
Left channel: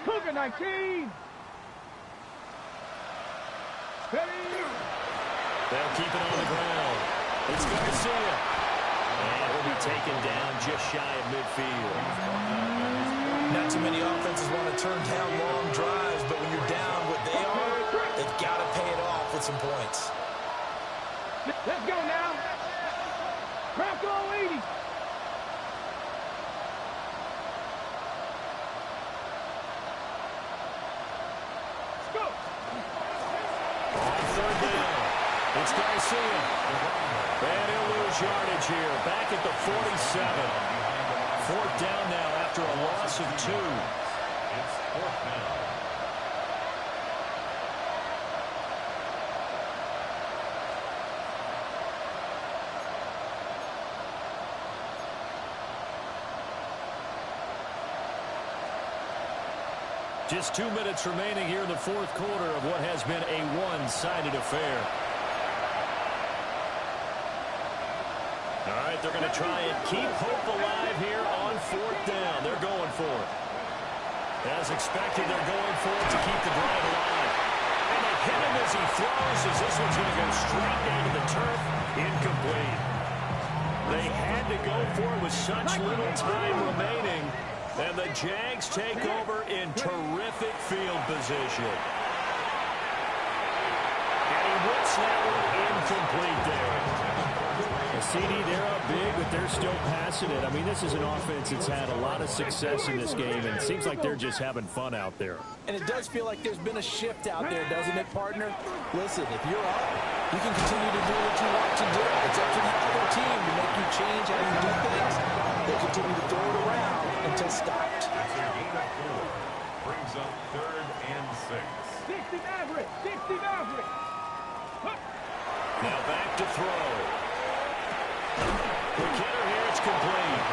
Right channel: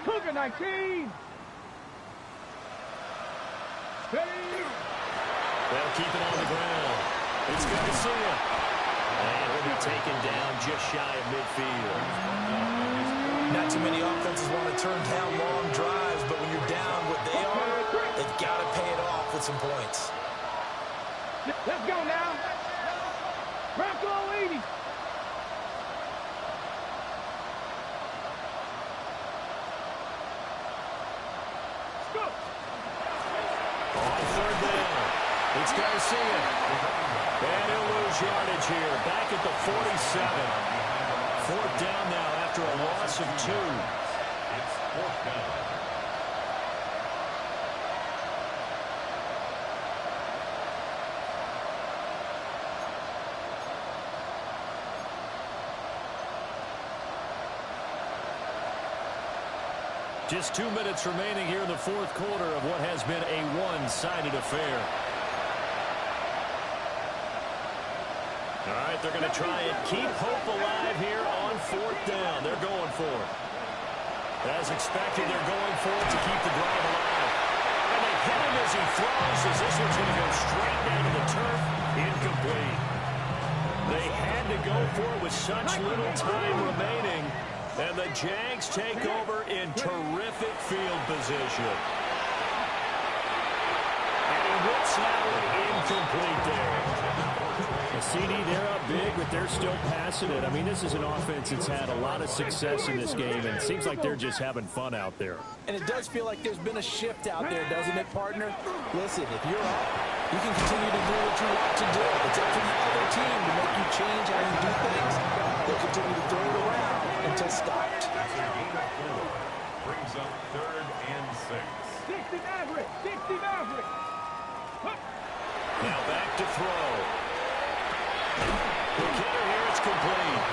Cougar 19. Ready? They'll keep it on the ground. It's Garcia. And he'll be taken down just shy of midfield. Not too many offenses want to turn down long drives, but when you're down what they are, they've got to pay it off with some points. Let's go now. Bronco 80. Let's go. On 3rd down, it's Garcia. And he'll lose yardage here, back at the 47. 4th down now after a loss of 2. It's 4th down. Just 2 minutes remaining here in the 4th quarter of what has been a one-sided affair. All right, they're going to try and keep hope alive here on 4th down. They're going for it. As expected, they're going for it to keep the drive alive. And they hit him as he throws, as this one's going to go straight down to the turf. Incomplete. They had to go for it with such little time remaining. And the Jags take over in terrific field position. And he whips that one incomplete there. A CD, they're up big, but they're still passing it. I mean, this is an offense that's had a lot of success in this game, and it seems like they're just having fun out there. And it does feel like there's been a shift out there, doesn't it, partner? Listen, if you're up, you can continue to do what you want to do. It's up to the other team to make you change how you do things. They continue to throw it around until stopped. That's a gain of 4. Brings up 3rd and 6. 60 Maverick. 60 Maverick. Now back to throw. The hitter here, it's complete.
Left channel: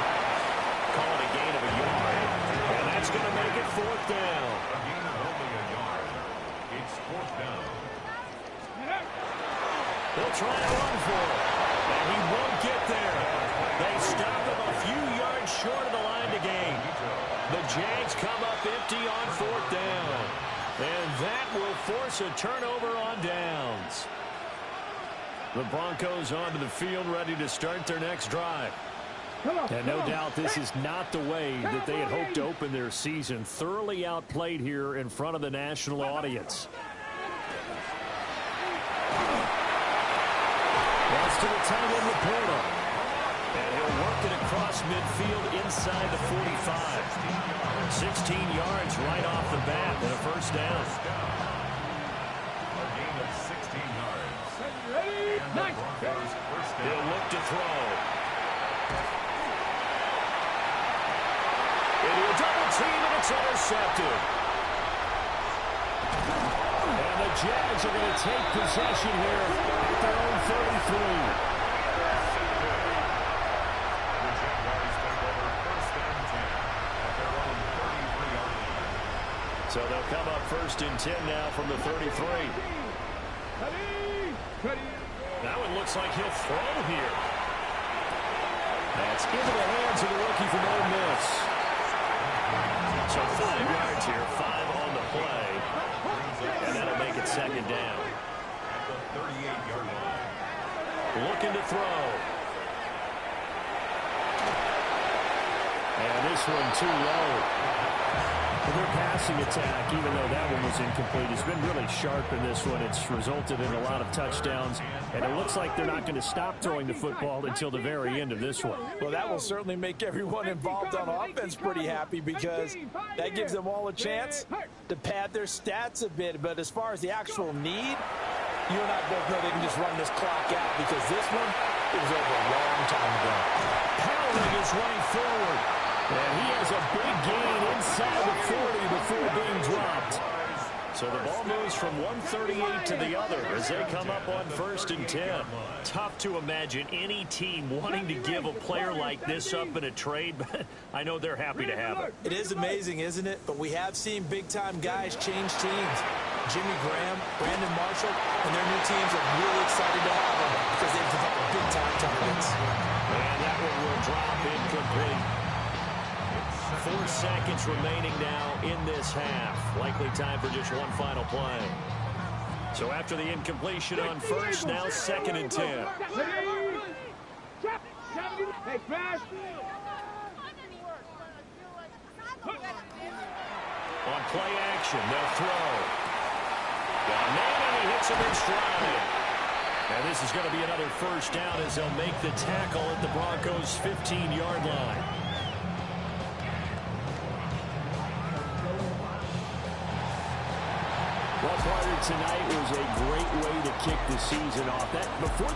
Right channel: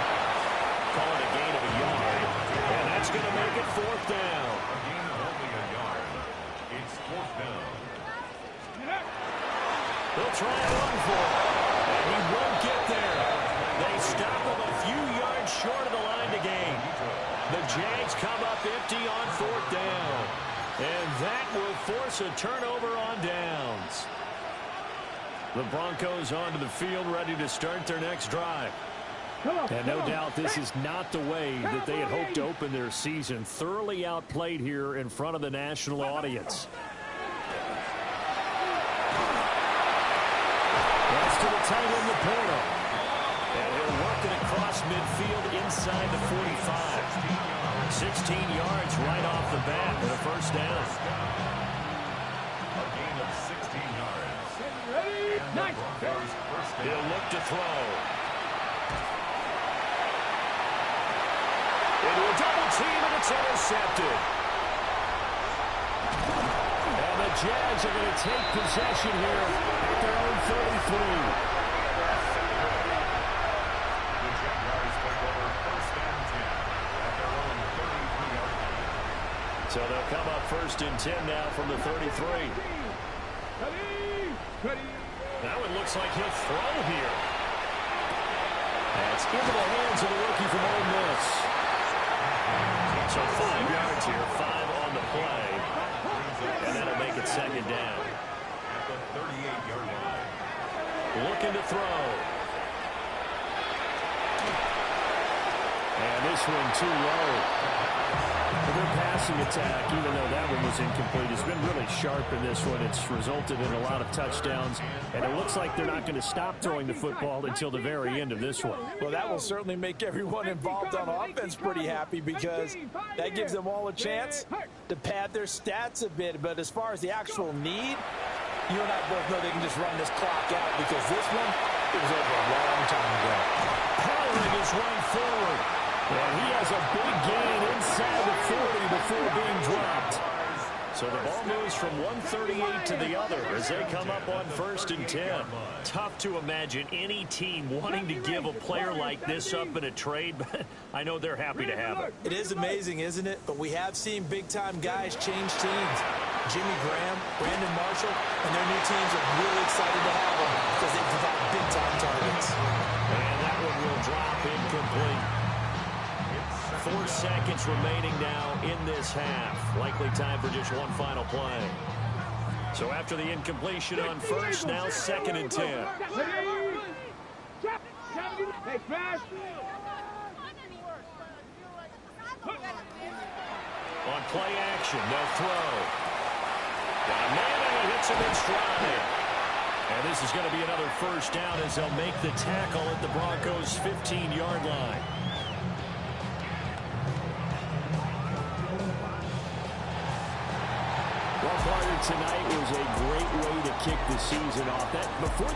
Call it a gain of a yard. And that's going to make it 4th down. A gain of only a yard. It's 4th down. They'll try and run for it. And he won't get there. They stop him a few yards short of the line to gain. The Jags come up empty on 4th down. And that will force a turnover on downs. The Broncos onto the field, ready to start their next drive. And no doubt this is not the way that they had hoped to open their season. Thoroughly outplayed here in front of the national audience. That's to the tight end, Laporta. And he'll work it across midfield inside the 45. 16 yards right off the bat and a first down. A gain of 16 yards. Ready? And the Broncos first down. He'll look to throw. Into a double team, and it's intercepted. And the Jags are going to take possession here at their own 33. The Jaguars take over first and 10 at their own 33-yard line. So they'll come up first and 10 now from the 33. Ready? Now it looks like he'll throw here. That's into the hands of the rookie from Ole Miss. So 5 yards here, 5 on the play. And that'll make it second down. At the 38-yard line. Looking to throw. And this one too low. Their passing attack, even though that one was incomplete, has been really sharp in this one. It's resulted in a lot of touchdowns, and it looks like they're not going to stop throwing the football until the very end of this one. Well, that will certainly make everyone involved on offense pretty happy because that gives them all a chance to pad their stats a bit. But as far as the actual need, you and I both know they can just run this clock out because this one, it was over a long time ago. Powering his way forward. And he has a big gain inside the 40 before being dropped. So the ball moves from 138 to the other as they come up on first and 10. Tough to imagine any team wanting to give a player like this up in a trade, but I know they're happy to have it. It is amazing, isn't it? But we have seen big-time guys change teams. Jimmy Graham, Brandon Marshall, and their new teams are really excited to have them because they provide big-time targets. And that one will drop incomplete. 4 seconds remaining now in this half. Likely time for just one final play. So after the incompletion on first, now second and 10. Hey, smash! On play action, they'll throw. Got a man, and he hits him in stride. And this is going to be another first down as they'll make the tackle at the Broncos' 15-yard line. Well, Carter, tonight was a great way to kick the season off. Before the